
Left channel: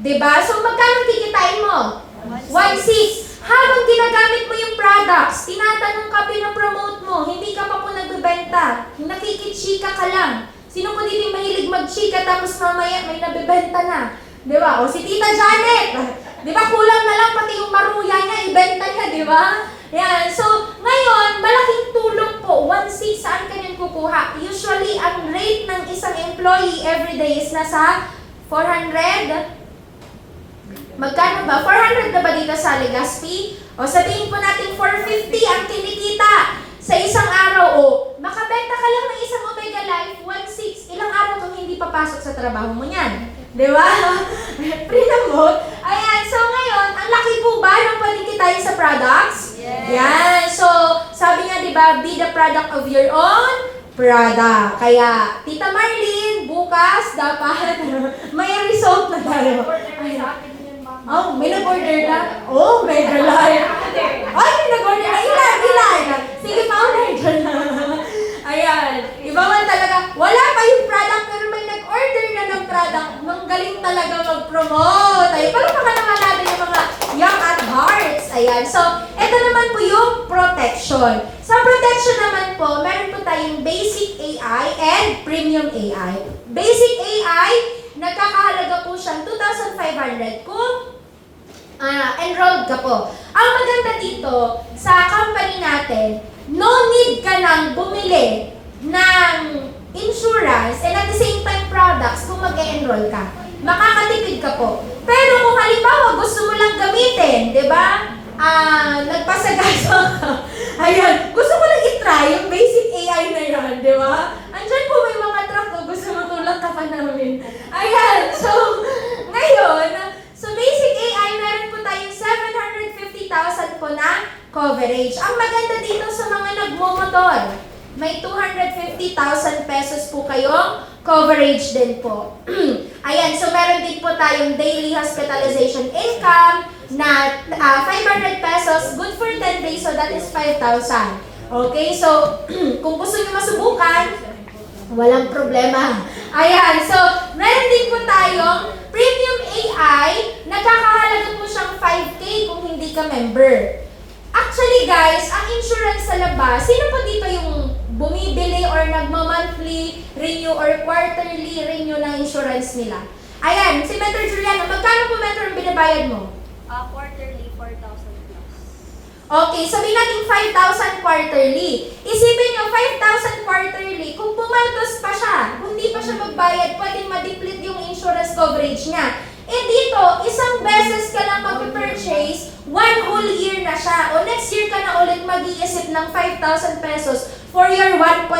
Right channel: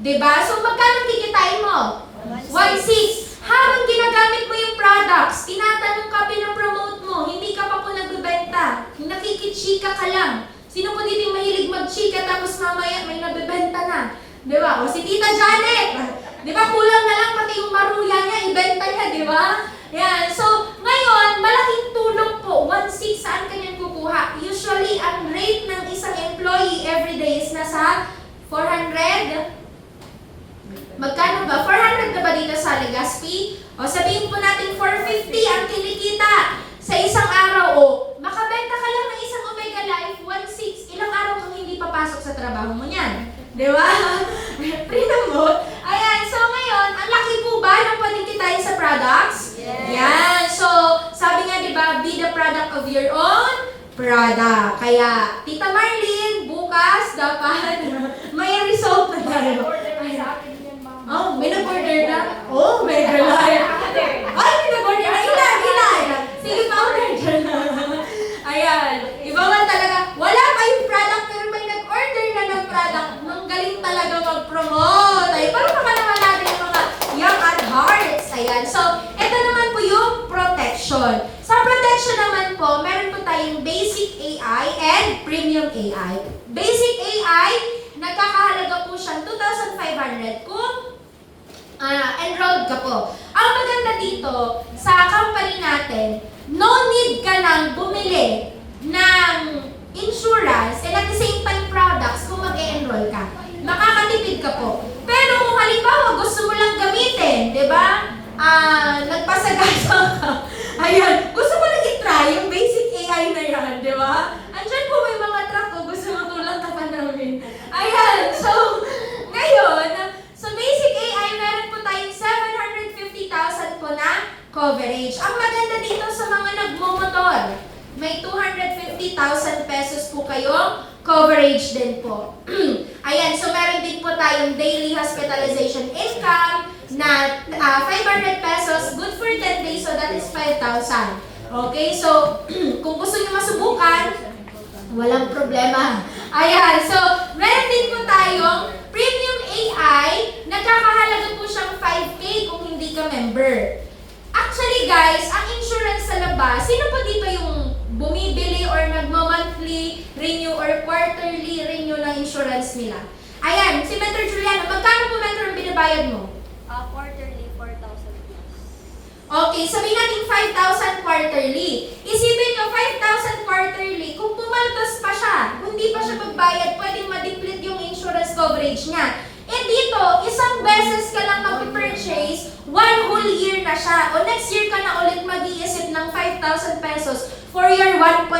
Diba? So, magkano kikitain mo? 1.6. Habang ginagamit mo yung products, tinatanong ka, pinapromote mo, hindi ka pa po nagbebenta, nakikitsika ka lang. Sino po dito yung mahilig magchika tapos mamaya may nabebenta na? Diba? O si Tita Janet, diba? Kulang na lang pati yung maruya niya, ibenta niya, diba? Yan. So, ngayon, malaking tulong po. 1.6, saan ka yan kukuha? Usually, ang rate ng isang employee everyday is nasa 400. Magkano ba? 400 na ba dito sa Legazpi? O sabihin po natin 450 ang kinikita sa isang araw. O, makabenta ka lang ng isang Omega Life, 1.6. Ilang araw kang hindi papasok sa trabaho mo niyan? Diba? Free na mo. Ayan. So, ngayon, ang laki po ba ng panikitain sa products? Yes. Yan. So, sabi nga, di ba, be the product of your own product. Kaya, Tita Marlene, bukas, dapat may result na tayo. Oh, may nag-order ka? Oh, Mega Life. Ay, may nag-order na. Ilan? Sige, pa-order na. Ayan. Iba man talaga. Wala pa yung product, pero may nag-order na ng product. Magaling talaga mag-promote. Ay, parang mga naman natin yung mga young at hearts. Ayan. So, ito naman po yung protection. Sa protection naman po, meron po tayong basic AI and premium AI. Basic AI, nagkakahalaga po siyang 2,500 kung enrolled ka po. Ang maganda dito, sa company natin, no need ka nang bumili ng insurance and at the same time products kung mag-e-enroll ka. Makakatipid ka po. Pero kung halimbawa gusto mo lang gamitin, di ba? Nagpasagaso ka. Ayun, gusto mo lang i-try yung basic AI na yan, di ba? Andyan po may mga truck ko, gusto mo tulong ka pa namin. Ayan, so, ngayon, so basic AI, meron po tayong 750,000 po na coverage. Ang maganda dito sa mga nagmumotor, may 250,000 pesos po kayong coverage din po. Ayan, so meron din po tayong daily hospitalization income na 500 pesos, good for 10 days, so that is 5,000. Okay, so kung gusto nyo masubukan, walang problema. Ayan, so meron din po tayong premium AI, nagkakahalaga po siyang 5K kung hindi ka member. Actually guys, ang insurance sa labas, sino pa dito yung bumibili or nagma-monthly renew or quarterly renew ng insurance nila? Ayan, si Mentor Juliano, magkano po Mentor ang binabayad mo? Quarterly, 4,000 plus. Okay, sabihin natin 5,000 quarterly. Isipin nyo, 5,000 quarterly, kung pumaltos pa siya, kung di pa siya magbayad, pwedeng ma-deplete yung insurance coverage niya. Eh dito, isang beses ka lang mag-purchase, 1 whole year na siya. O next year ka na ulit mag-iisip ng 5,000 pesos for your 1.5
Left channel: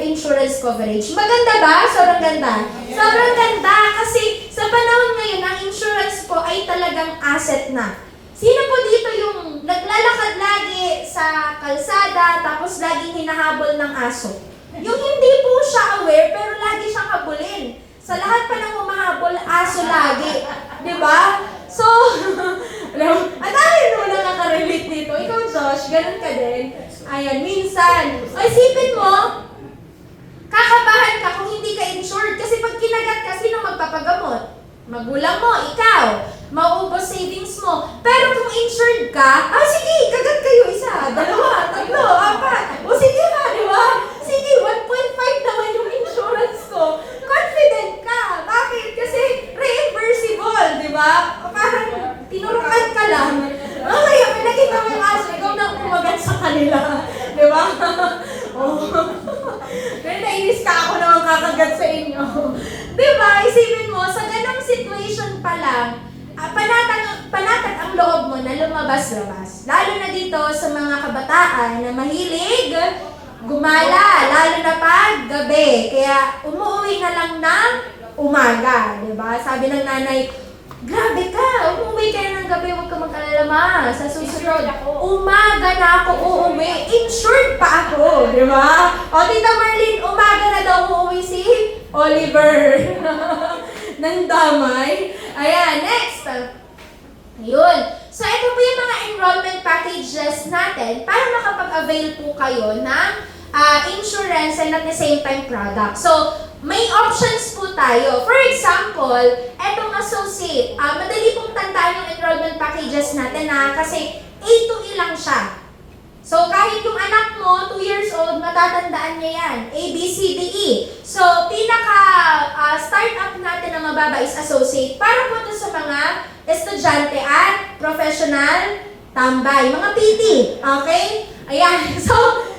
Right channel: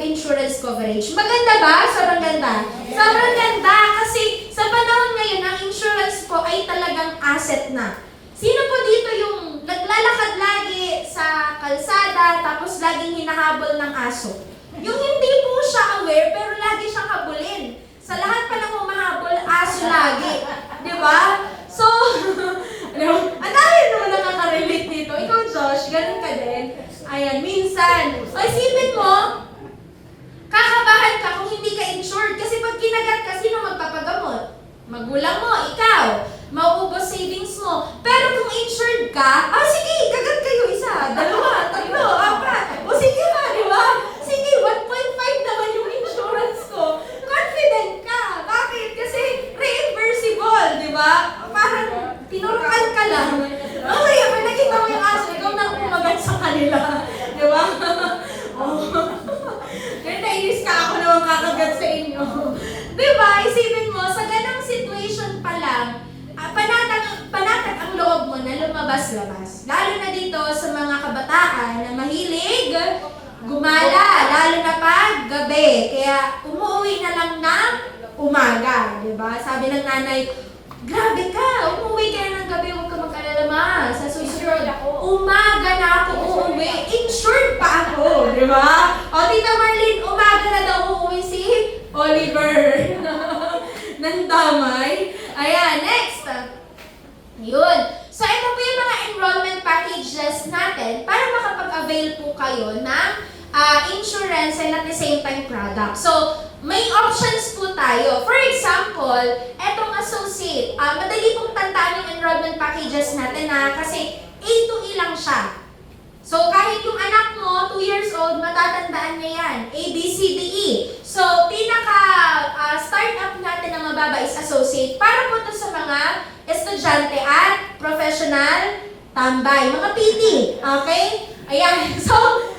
insurance coverage. Maganda ba? Sobrang ganda. Sobrang ganda kasi sa panahon ngayon, ang insurance po ay talagang asset na. Sino po dito yung naglalakad lagi sa kalsada tapos laging hinahabol ng aso? Yung hindi po siya aware pero lagi siyang habulin. Sa lahat pa ng humahabol, aso lagi. Di ba? So, ang dami naman nakaka-relate dito. Ikaw, Josh, ganun ka din. Ayan, minsan. O isipin mo, kakabahan ka kung hindi ka insured. Kasi pag kinagat ka, sino magpapagamot? Magulang mo, ikaw. Mauubos savings mo. Pero kung insured ka, sige, kagat kayo isa, dalawa, tatlo, apat. O sige ba, di ba? Sige, 1.5 naman yung insurance ko. Confident ka. Bakit? Kasi reimbursable, di ba? Parang tinurukan ka lang. Okay, nakita mo yung aso, ikaw na kumagat sa kanila. Di ba? Oh. Kaya nainis ka ako na magkakagat sa inyo. Di ba? Isipin mo, sa ganang situation pa lang, panatag ang loob mo na lumabas-labas. Lalo na dito sa mga kabataan na mahilig gumala, lalo na pag gabi. Kaya umuwi na lang ng umaga. Diba? Sabi ng nanay, grabe ka, umuwi ka na ng gabi, huwag ka magkalala sa susunod. Umaga na ako uuwi. Insured pa ako. Diba? O Tita Marlene, umaga na daw uuwi si Oliver. Nang damay. Ayan, next. Yun. So, ito po yung mga enrollment packages natin para makapag-avail po kayo ng insurance and at the same time product. So, may options po tayo. For example, etong associate. Madali pong tandaan yung enrollment packages natin kasi A to E lang siya. So, kahit yung anak mo, 2 years old, matatandaan niya yan. A, B, C, D, E. So, pinaka-startup natin na mababa is associate. Para po ito sa mga estudyante at professional tambay. Mga PT. Okay? Ayan. So,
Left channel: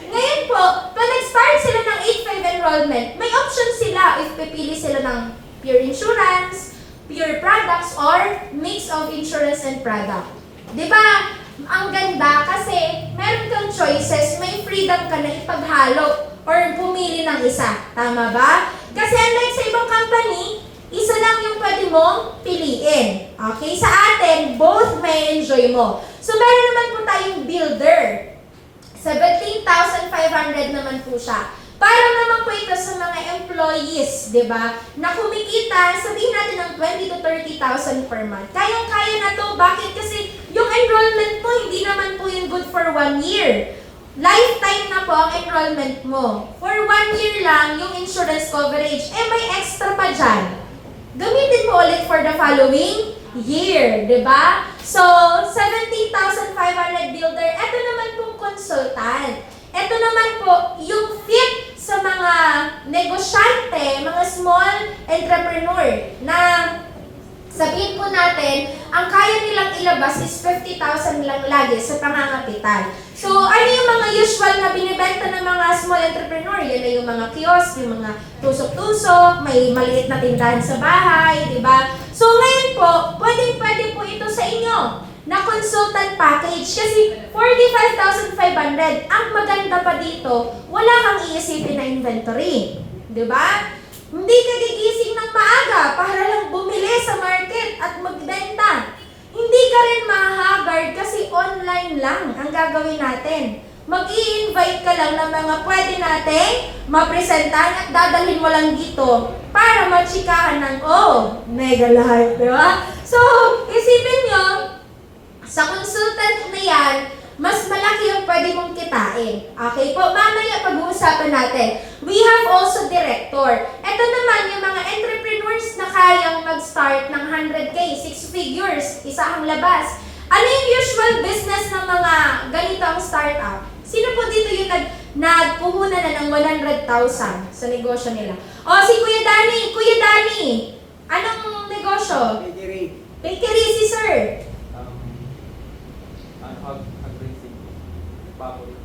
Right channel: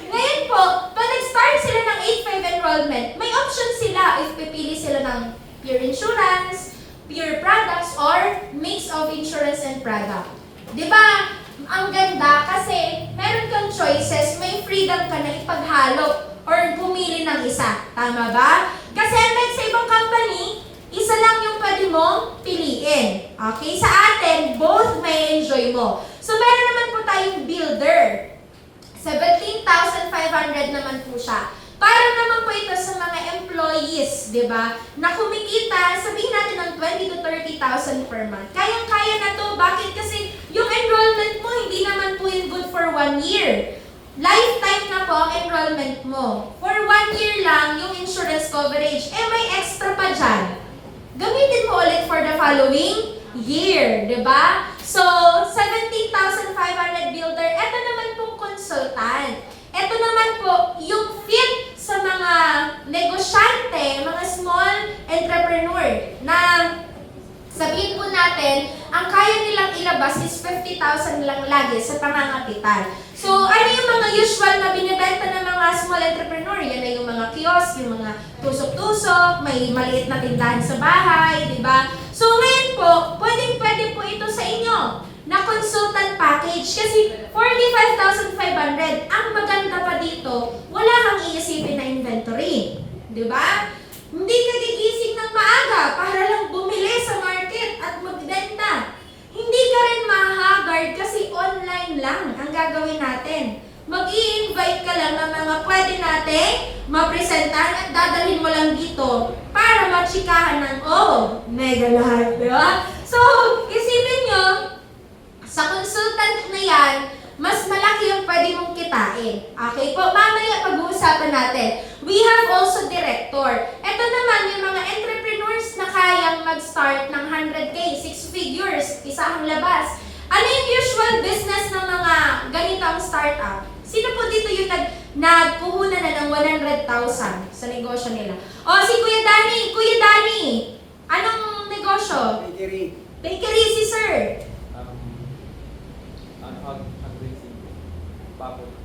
ngayon po, pag nag-start sila ng 8-5 enrollment, may option sila if pipili sila ng pure insurance, pure products, or mix of insurance and product. Diba? Ang ganda kasi meron kang choices, may freedom ka na ipaghalo or pumili ng isa. Tama ba? Kasi unlike sa ibang company, isa lang yung pwede mong piliin. Okay? Sa atin, both may enjoy mo. So, meron naman po tayong builder. 17,500 naman po siya. Para naman po ito sa mga employees, di ba? Na kumikita, sabihin natin ng 20 to 30,000 per month. Kayang-kaya na to. Bakit? Kasi yung enrollment mo, hindi naman po yung good for 1 year. Lifetime na po ang enrollment mo. For 1 year lang yung insurance coverage. May extra pa dyan. Gamitin mo ulit for the following year, di ba? So, 17,500 builder. Ito naman pong consultant. Ito naman po yung fit sa mga negosyante, mga small entrepreneur na sabihin po natin, ang kaya nilang ilabas is 50,000 lang lagi sa pangangapital. So, ano yung mga usual na binibenta ng mga small entrepreneur? Yan na yung mga kiosk, yung mga tusok-tusok, may maliit na tindahan sa bahay, di ba? So, ngayon po, pwede po ito sa inyo na consultant package kasi 45,500. Ang maganda pa dito, wala kang iisipin na inventory. Di ba? Hindi ka gigising ng maaga para lang bumili sa market at magbenta. Hindi ka rin mahagard kasi online lang ang gagawin natin. Mag-i-invite ka lang ng mga pwede natin mapresentahan at dadalhin mo lang dito para machikahan ng, mega lahat, di ba? So, isipin nyo, sa consultant na yan, mas malaki yung pwede mong kitain. Okay po, mamaya pag-uusapan natin. We have also director. Ito naman yung mga entrepreneurs na kayang mag-start ng 100K, 6 figures, isa ang labas. Ano yung usual business ng mga ganito ang startup. Sino po dito yung nagpuhunan na ng 100,000 sa negosyo nila? O, si Kuya Danny! Kuya Danny! Anong negosyo? Bakery. Bakery si sir. Hag-racing. Baboy.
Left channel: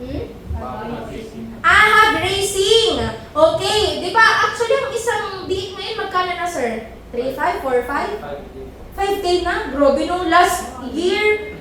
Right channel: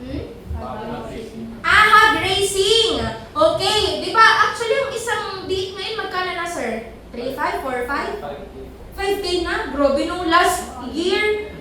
Hmm? Hag-racing. Hog racing! Okay, di ba? Actually, ang isang date ngayon, magkano na sir? 3,500, 4,500? 5K na? Grabe nung last year.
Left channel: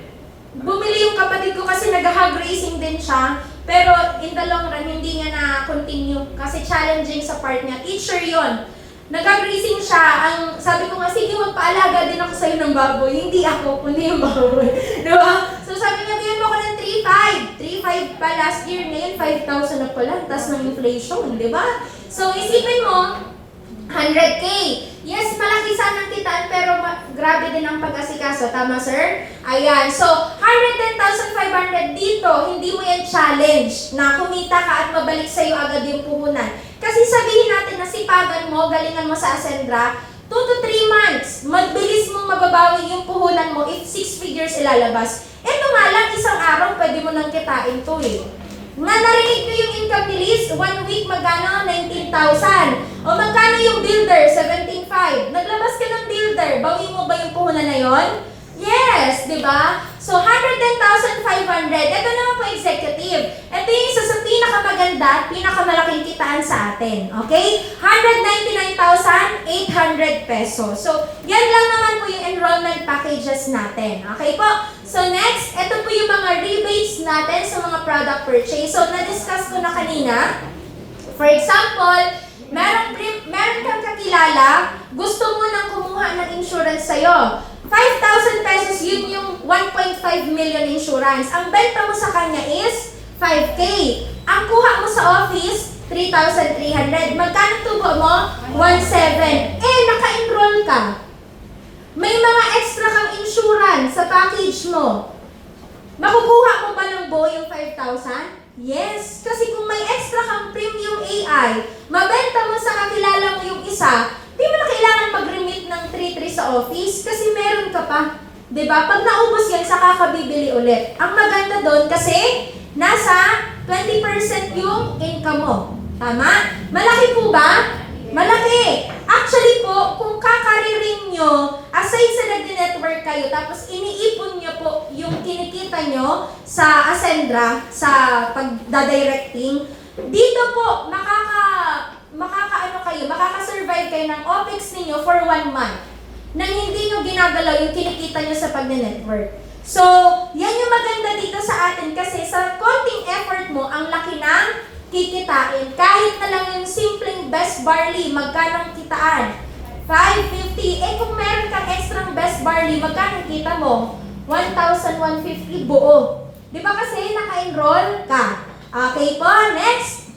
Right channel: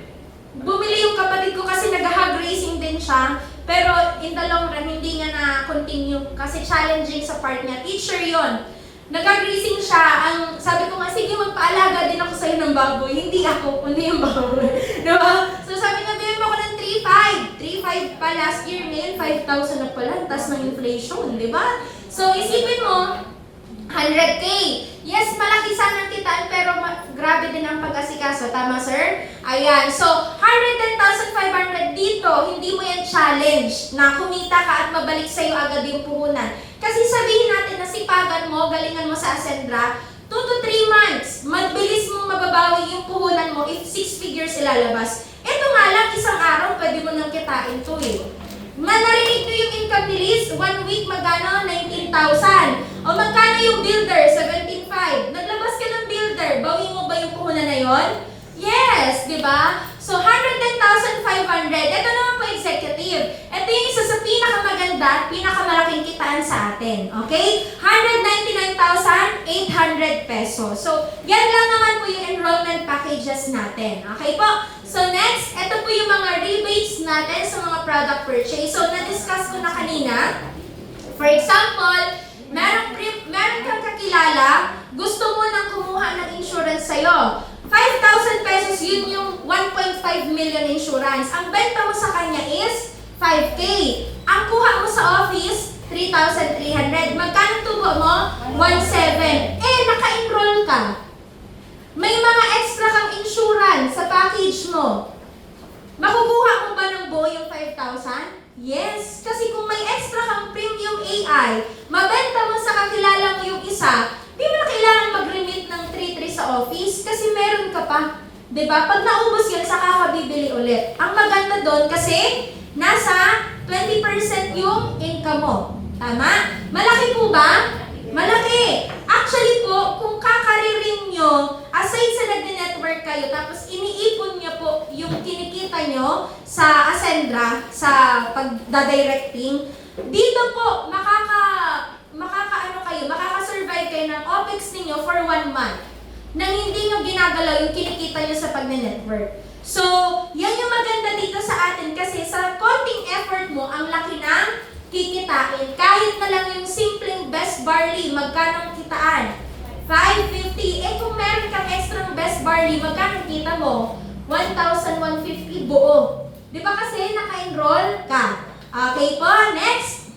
Bumili yung kapatid ko kasi nag-hog racing din siya. Pero in the long run, hindi niya na-continue kasi challenging sa part niya. Teacher yon. Nag-hog racing siya. Ang sabi ko nga, sige, magpaalaga din ako sa'yo ng baboy. Hindi ako, kundi yung baboy. Diba? So sabi niya, bigyan mo ako ng 3,500 pa last year. Ngayon, 5,000 na pala. Tas ng inflation, diba? So isipin mo, 100K. Yes, malaki sana ang kitaan pero grabe din ang pag-asikaso. Tama, sir? Ayan. So, 110,500 dito, hindi mo yan challenge na kumita ka at mabalik sa'yo agad yung puhunan. Kasi sabihin natin na sipagan mo, galingan mo sa Ascendra, 2 to 3 months, mabilis mong mababawi yung puhunan mo if 6 figures ilalabas. Eto nga lang, isang araw, pwede mo nang kitain to eh. Narinig ko yung income ni Liz, 1 week magkano? 19,000. O magkano yung builder? 17,500. Naglabas ka ng builder, bawi mo ba yung puhunan na yon? Yes, di ba? So, 110,500. Ito naman po executive. Ito yung isa sa pinakamaganda at pinakamalaking kitaan sa atin. Okay? 199,800 pesos. So, yan lang naman po yung enrollment packages natin. Okay po? So, next, ito po yung mga rebates natin sa mga product purchase. So, na-discuss ko na kanina. For example, meron kang kakilala, gusto mo nang kumuha ng insurance sa'yo. 5,000 pesos, yun yung 1.5 million insurance. Ang benta mo sa kanya is 5K. Ang kuha mo sa office, 3,300. Magkano tubo mo? 1,700. Naka-enroll ka. May mga extra kang insurance sa package mo. Makukuha mo ba ng buo yung 5,000? Yes, kasi kung may extra kang premium AI, mabenta mo sa kakilala mo yung isa, di mo na kailangan mag-remit ng 3,300 sa office kasi meron ka pa. Diba? Pag naubos yan, saka ka bibili ulit. Ang maganda doon kasi nasa 20% yung income mo. Tama? Malaki po ba? Malaki. Actually po, kung kakaririn nyo, aside sa nag-network kayo, tapos iniipon nyo po yung kinikita nyo sa Ascendra, sa pagdadirecting, dito po, makaka-survive kayo ng OPEX ninyo for 1 month nang hindi nyo ginagalaw yung kinikita nyo sa pag-network. So, yan yung maganda dito sa atin kasi sa konting effort mo, ang laki ng kikitain. Kahit na lang yung simpleng best barley, magkano ang kitaan? 550. Kung meron kang extra best barley, magkano kita mo? 1,150 buo. Di ba kasi naka-enroll ka? Okay po, next.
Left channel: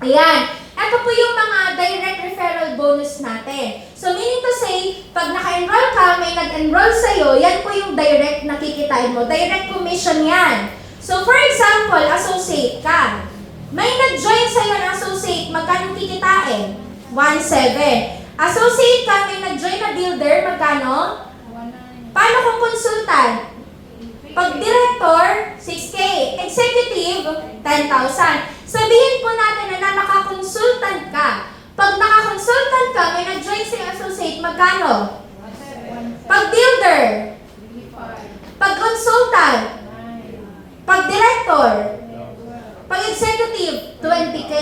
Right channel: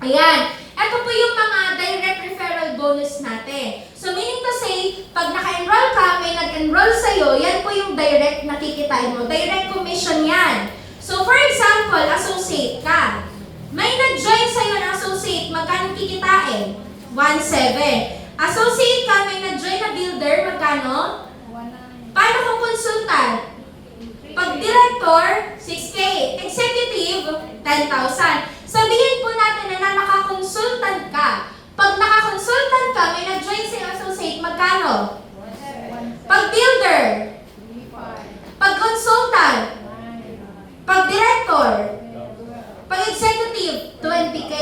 Ayan. Ito po yung mga direct referral bonus natin. So, meaning to say, pag naka-enroll ka, may nag-enroll sa'yo, yan po yung direct na kikitain mo. Direct commission yan. So, for example, associate ka. May nag-join sa'yo na associate, magkano kikitain? 1,700. Associate ka, may nag-join na builder, magkano? 1,900. Paano kung consultant? Pag director, 6K. Executive, 10,000. Sabihin po natin na nakakonsultant ka. Pag nakakonsultant ka, may nag-join sa associate, magkano? Pag builder, pag consultant, pag director, pag executive, 20K.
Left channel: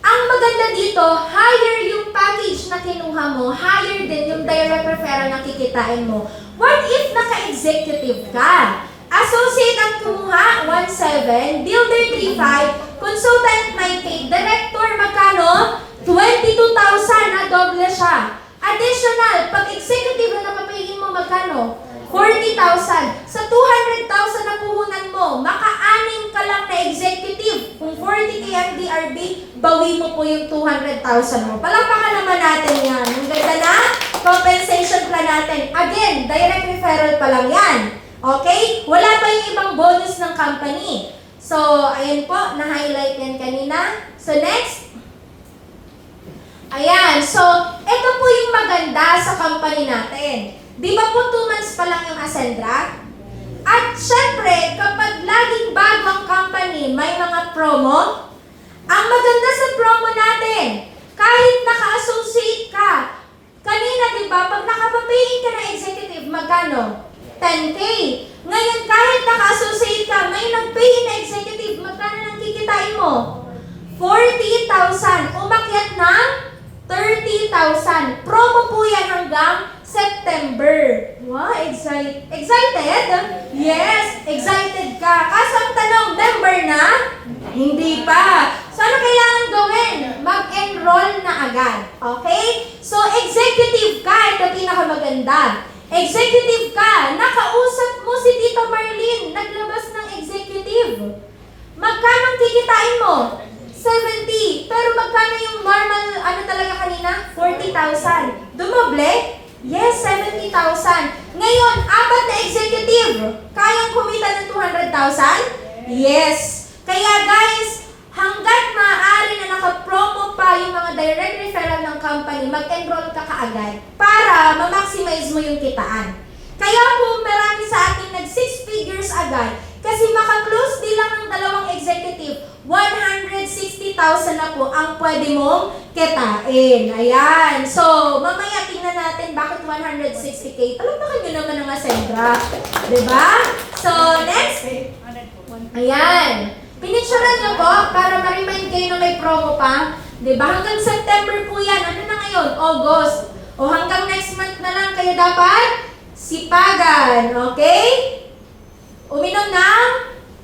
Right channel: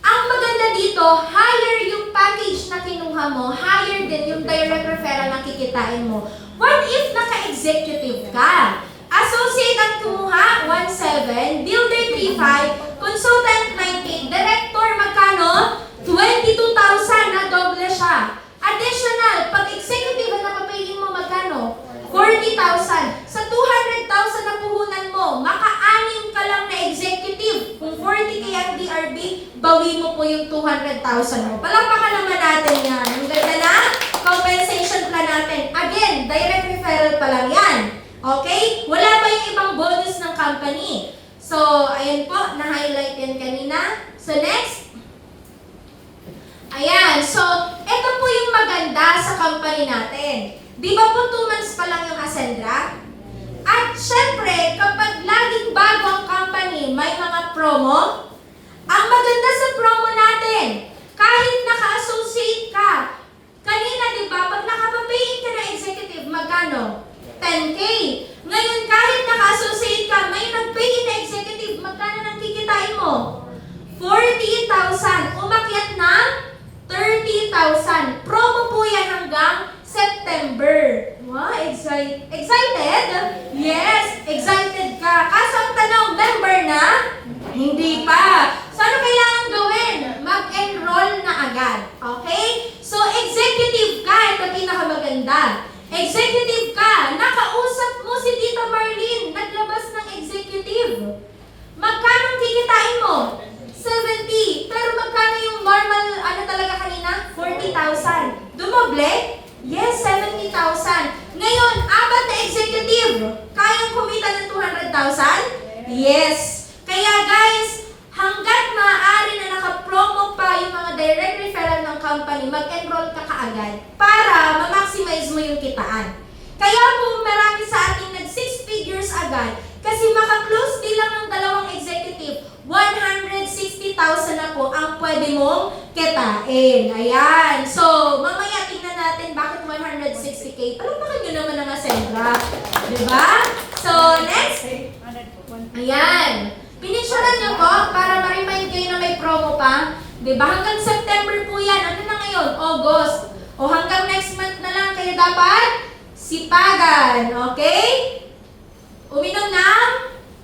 Ang maganda dito, higher yung package na kinuha mo, higher din yung direct referral na kikitain mo. What if naka-executive ka? Associate ang kumuha, 1,700, builder 3,500, consultant 9,800, director magkano? 22,000 na doble siya. Additional, pag executive na napapiliin mo magkano? 40,000. Sa 200,000 na puhunan mo, maka-anim ka lang na executive. Kung 40K ang DRB, bawi mo po yung 200,000 mo. Palakpakan naman natin yan. Ang ganda na compensation plan natin. Again, direct referral pa lang yan. Okay? Wala pa yung ibang bonus ng company. So, ayan po, na-highlight yan kanina. So, next. Ayan. So, ito po yung maganda sa company natin. Di ba po 2 months pa lang yung Ascendra? At syempre, kapag laging bagong company, may mga promo. Ang maganda sa promo natin, kahit naka-associate ka, kanina di ba, pag nakapapayin ka na executive, magkano? 10K. Ngayon, kahit naka-associate ka, may nag-pay na executive, magkano nang kikitain mo? 40,000. Umakyat ng 30,000. Promo po yan hanggang September. Wow, excited? Yes, excited ka. Kaso ang tanong, member na? Hindi pa. So, ano kailangan gawin? Mag-enroll na agad. Okay? So, executive ka. Ito pinakamaganda. Executive ka. Nakausap mo si Tita Marlene. Naglabas ng executive. Magkano ang kikitain mo? 70. Pero magkano yung normal, ano talaga kanina? 40,000. Dumoble? Yes, 70,000. Ngayon, apat na executive. Kayang kumita ng 200,000? Yes. Kaya guys, hanggat maaari na naka-promo pa yung mga direct referral ng company, mag-enroll ka kaagad para ma-maximize mo yung kitaan. Kaya po marami sa atin nag 6 figures agad kasi maka-close bilang ng dalawang executive, 160,000 na po ang pwede mong kitain. Ayan. So, mamaya tingnan natin bakit 160K. Palamakan nyo naman ang Ascendra. Diba? So, next. Ayan. Pinicturean nyo po para ma-remind kayo na may promo pa. Diba? Hanggang September po yan. Ano na ngayon? August. O hanggang next month na lang kayo dapat sipagan. Okay? Uminom ng?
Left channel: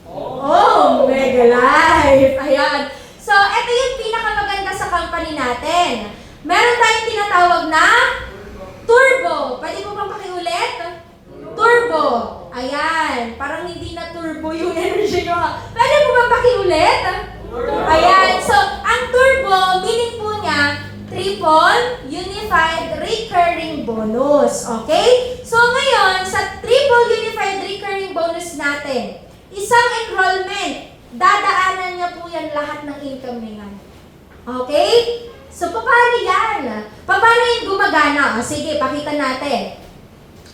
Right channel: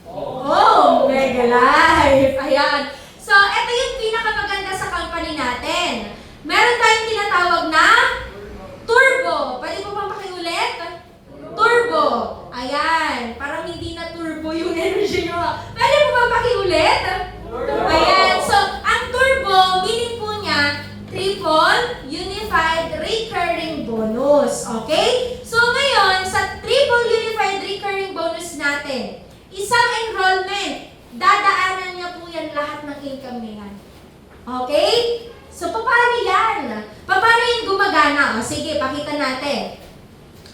Oh, Mega Life. Ayan. So, ito yung pinakamaganda sa company natin. Meron tayong tinatawag na turbo. Pwede mo bang pakiulit? Turbo. Ayan. Parang hindi na turbo yung energy nyo. Pwede mo bang pakiulit? Ayan. So, ang turbo, meaning po niya, triple unified recurring bonus. Okay? So, ngayon, sa triple unified recurring bonus natin, isang enrollment, dadaanan niya po yan lahat ng income niya. Okay? So, paano yan? Paano yung gumagana? O, sige, pakita natin.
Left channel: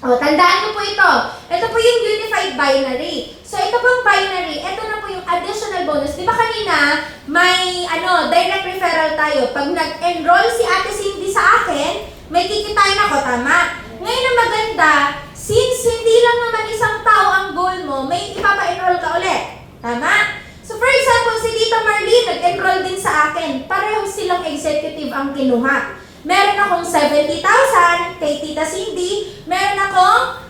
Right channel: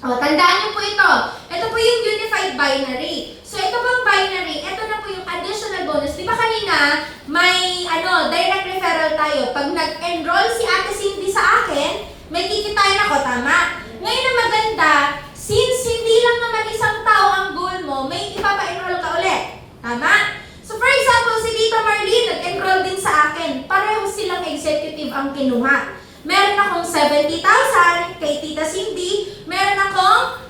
O, tandaan mo po ito. Ito po yung unified binary. So, ito pong binary, ito na po yung additional bonus. Di ba kanina, may direct referral tayo. Pag nag-enroll si Ate Cindy sa akin, may kikitain ako, tama? Ngayon ang maganda, since hindi lang naman isang tao ang goal mo, may ipapa-enroll ka ulit. Tama? So, for example, si Tita Marlene nag-enroll din sa akin. Pareho silang executive ang kinuha. Meron akong 70,000 kay Tita Cindy. Meron akong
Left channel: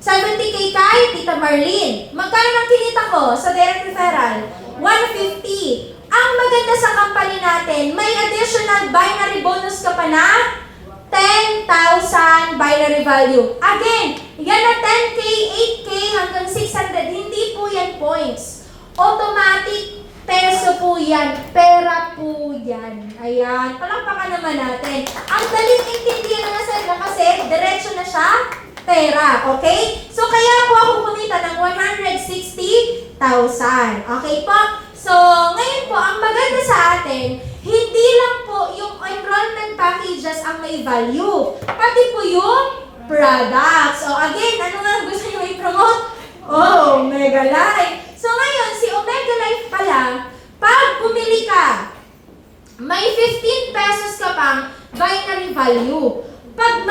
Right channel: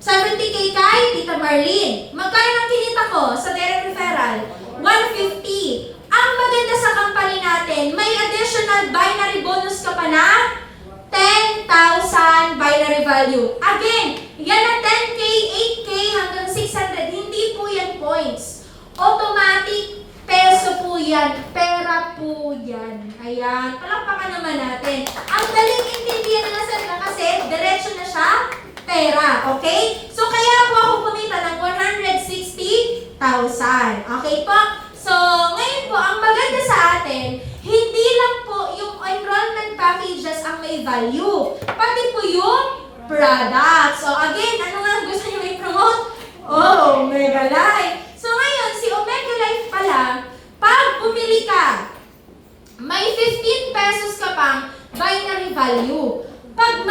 70K kay Tita Marlene. Magkano ang kinita ko sa direct referral? 150. Ang maganda sa company natin, may additional binary bonus ka pa na 10,000 binary value. Again, yan na 10K, 8K hanggang 600. Hindi po yan points. Automatic peso po yan. Pera po yan. Ayan. Palakpakan naman natin. Ang daling intindihan ng Ascendra kasi diretso na siya pera. Okay? So, kaya po ako kumita ng 160,000. Okay po? So, ngayon po, ang maganda sa atin, hindi lang po yung enrollment packages ang may value. Pati po yung products. So, again, ano nga gusto nyo i-promote? Oh, Mega Life. So, ngayon, si Omega Life pala, pag bumili ka, may 15 pesos ka pang binary value. Pag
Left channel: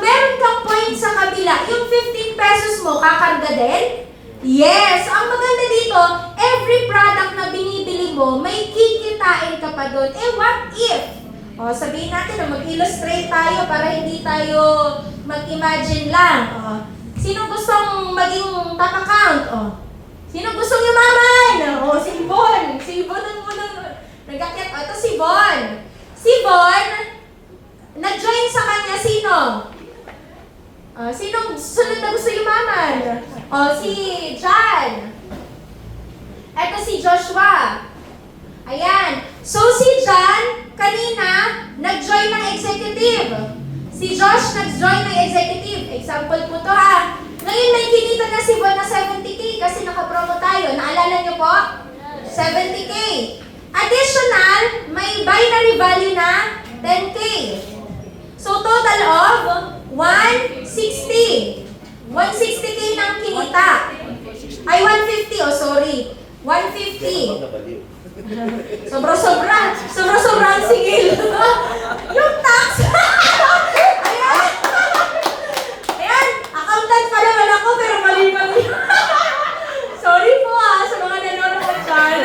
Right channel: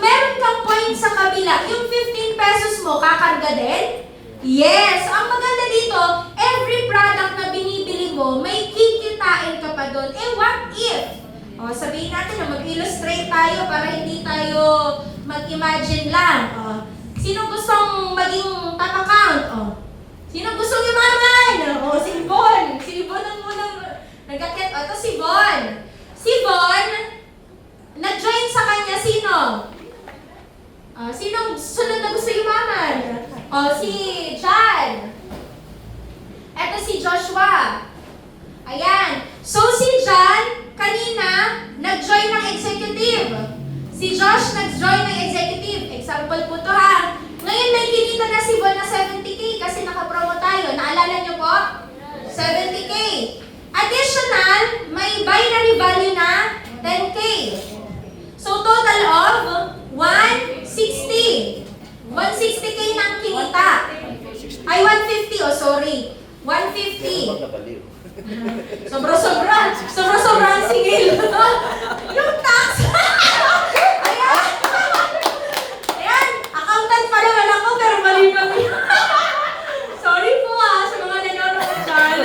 meron kang point sa kabila, yung 15 pesos mo, kakarga din? Yes! Ang maganda dito, every product na binibili mo, may kikitain ka pa doon. Eh, what if? O, sabihin natin na mag-illustrate tayo para hindi tayo mag-imagine lang. O, sino gustong maging top account? O, sino gustong yumaman? O, si Bon. Si Bon ang unang nag-akyat. O, ito si Bon. Si Bon, nag-join sa kanya sino? Sino sunod na gusto yumaman? O, si John. Ito si Joshua. Ayan. So, si John, kanina, nag-join ng executive. Si Josh, nag-join ng executive. Example po to ha. Ngayon, may kinita na si Bon na 70K kasi nakapromo tayo. Naalala niyo po? 70K. Additional, may binary value na 10K. So, total of 160. 160K na ang kinita. Sobra-sobra ang singil. Yung tax. Ayan. Ayan, accountant pa lang alam ko, pero mali. Sorry po sa mga nanonood dyan.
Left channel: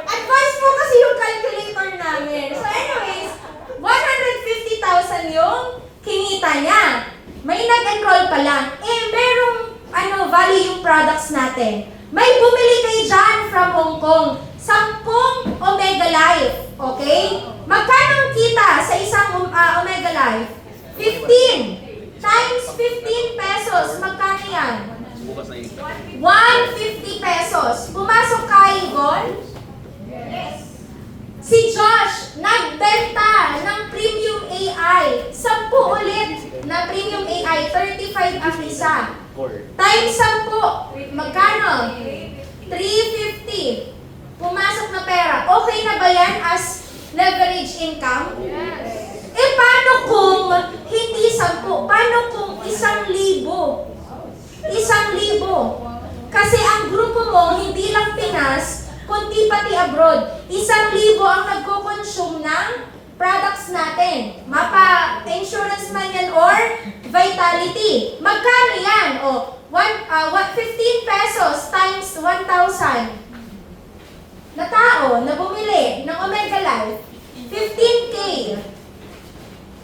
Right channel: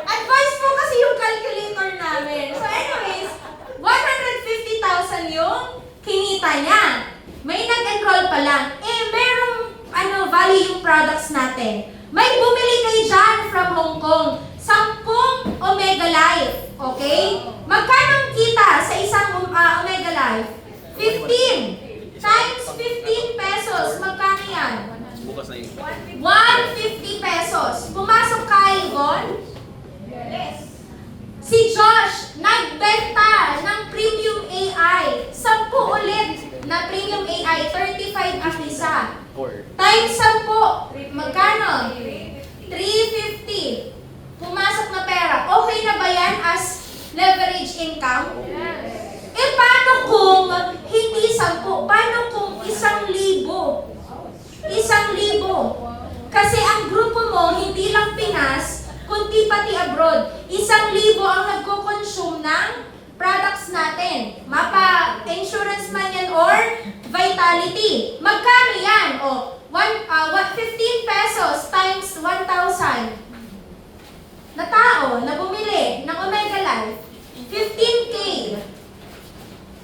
Advance po kasi yung calculator namin. So anyways, 150,000 yung kinita niya. May nag-enroll pa lang. Merong value yung products natin. May bumili kayo dyan from Hong Kong. 10 Omega Life. Okay? Magkano ang kita sa isang Omega Life? 15. Times 15 pesos. Magkano yan? 150 pesos. Pumasok kayo, Gon? Yes. Si Josh, nagbenta ng Premium AI. 10 ulit na Premium AI. 35 ang isa. Times 10. Magkano? 350. Pumasok na pera. Okay na ba yan as leverage income? Yes. Paano kung hindi 10? Paano kung 1,000? 1,000. Kasi ang grupo mo, hindi lang Pinas, kundi pati abroad. 1,000 ang nagko-consume ng products natin. Mapa-insurance man yan or Vitality. Magkano yan? 15 pesos times 1,000. Na tao na bumili ng Omega Life, 15K.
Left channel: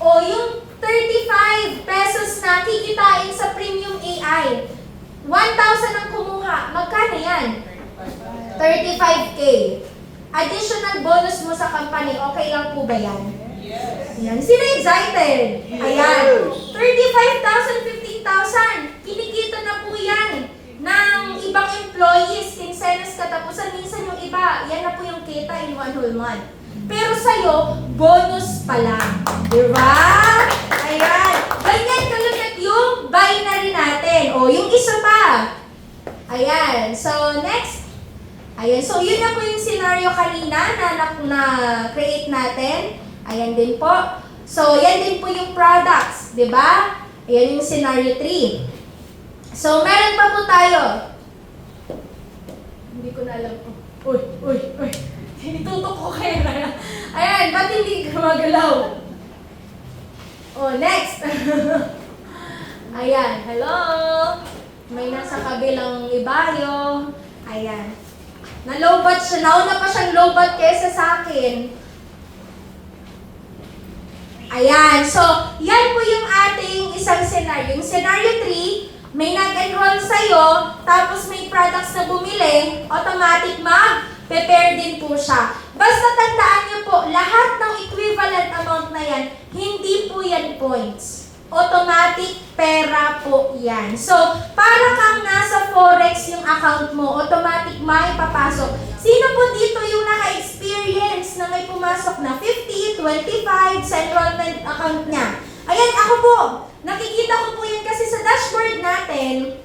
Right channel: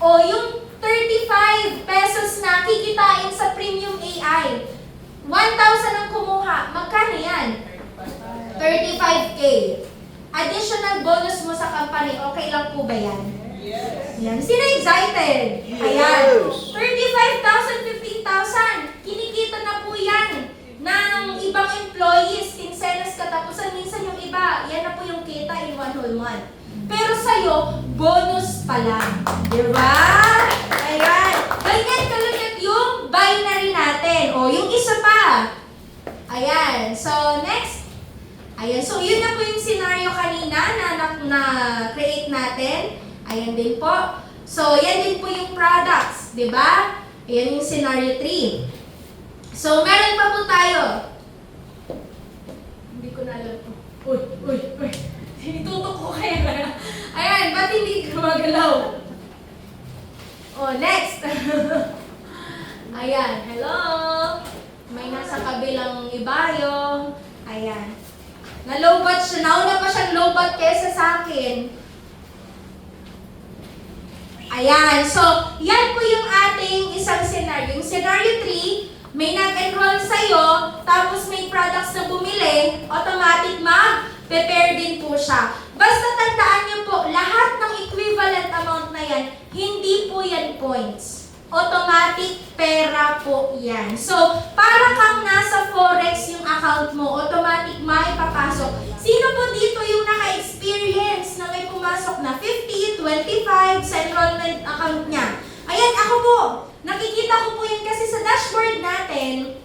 Yung 35 pesos na kikitain sa Premium AI, 1,000 ang kumuha. Magkano yan? 35K. Additional bonus mo sa company, okay lang po ba yan? Yes. Yan. Sino excited? Ayan. 35,000, 15,000. Kinikita na po yan ng ibang employees, kinsenas katapusan. Minsan yung iba, yan na po yung kita in one whole month. Pero sa'yo, bonus pa lang. Diba? Ayan. Ganyan kaligat yung binary natin. Yung isa pa. Ayan. So, next. Ayan. So, yun na po yung scenario kanina na create natin. Ayan din po. So, yan din po yung products. Diba? Ayan yung scenario 3. So, meron pa po tayo. Hindi ko na alam po. Uy. Tinitutok ko kayo. Ayan, ba't hindi gumagalaw? Next. Ayan, hello. May nasa kabilang ibayo. Ayan. Na-lowbat siya. Nauna pa siyang lowbat kesa sa akin. Ayan, so, yan po yung ating isang scenario. Yung scenario 3, may nag-enroll sa'yo, tapos may products na bumili, automatic mag-prepare din po siya. Basta tandaan niyo po, lahat ng equivalent amount na yan, hindi po yan points. Automatic pera po yan. So, para kang nasa Forex yung account mo, automatic may papasok. Sino po dito yung naka-experience na may pumasok na 50, 25 sa enrollment account niya? Ayan, ako po. Nakikita ko po yan kasi sa dashboard natin.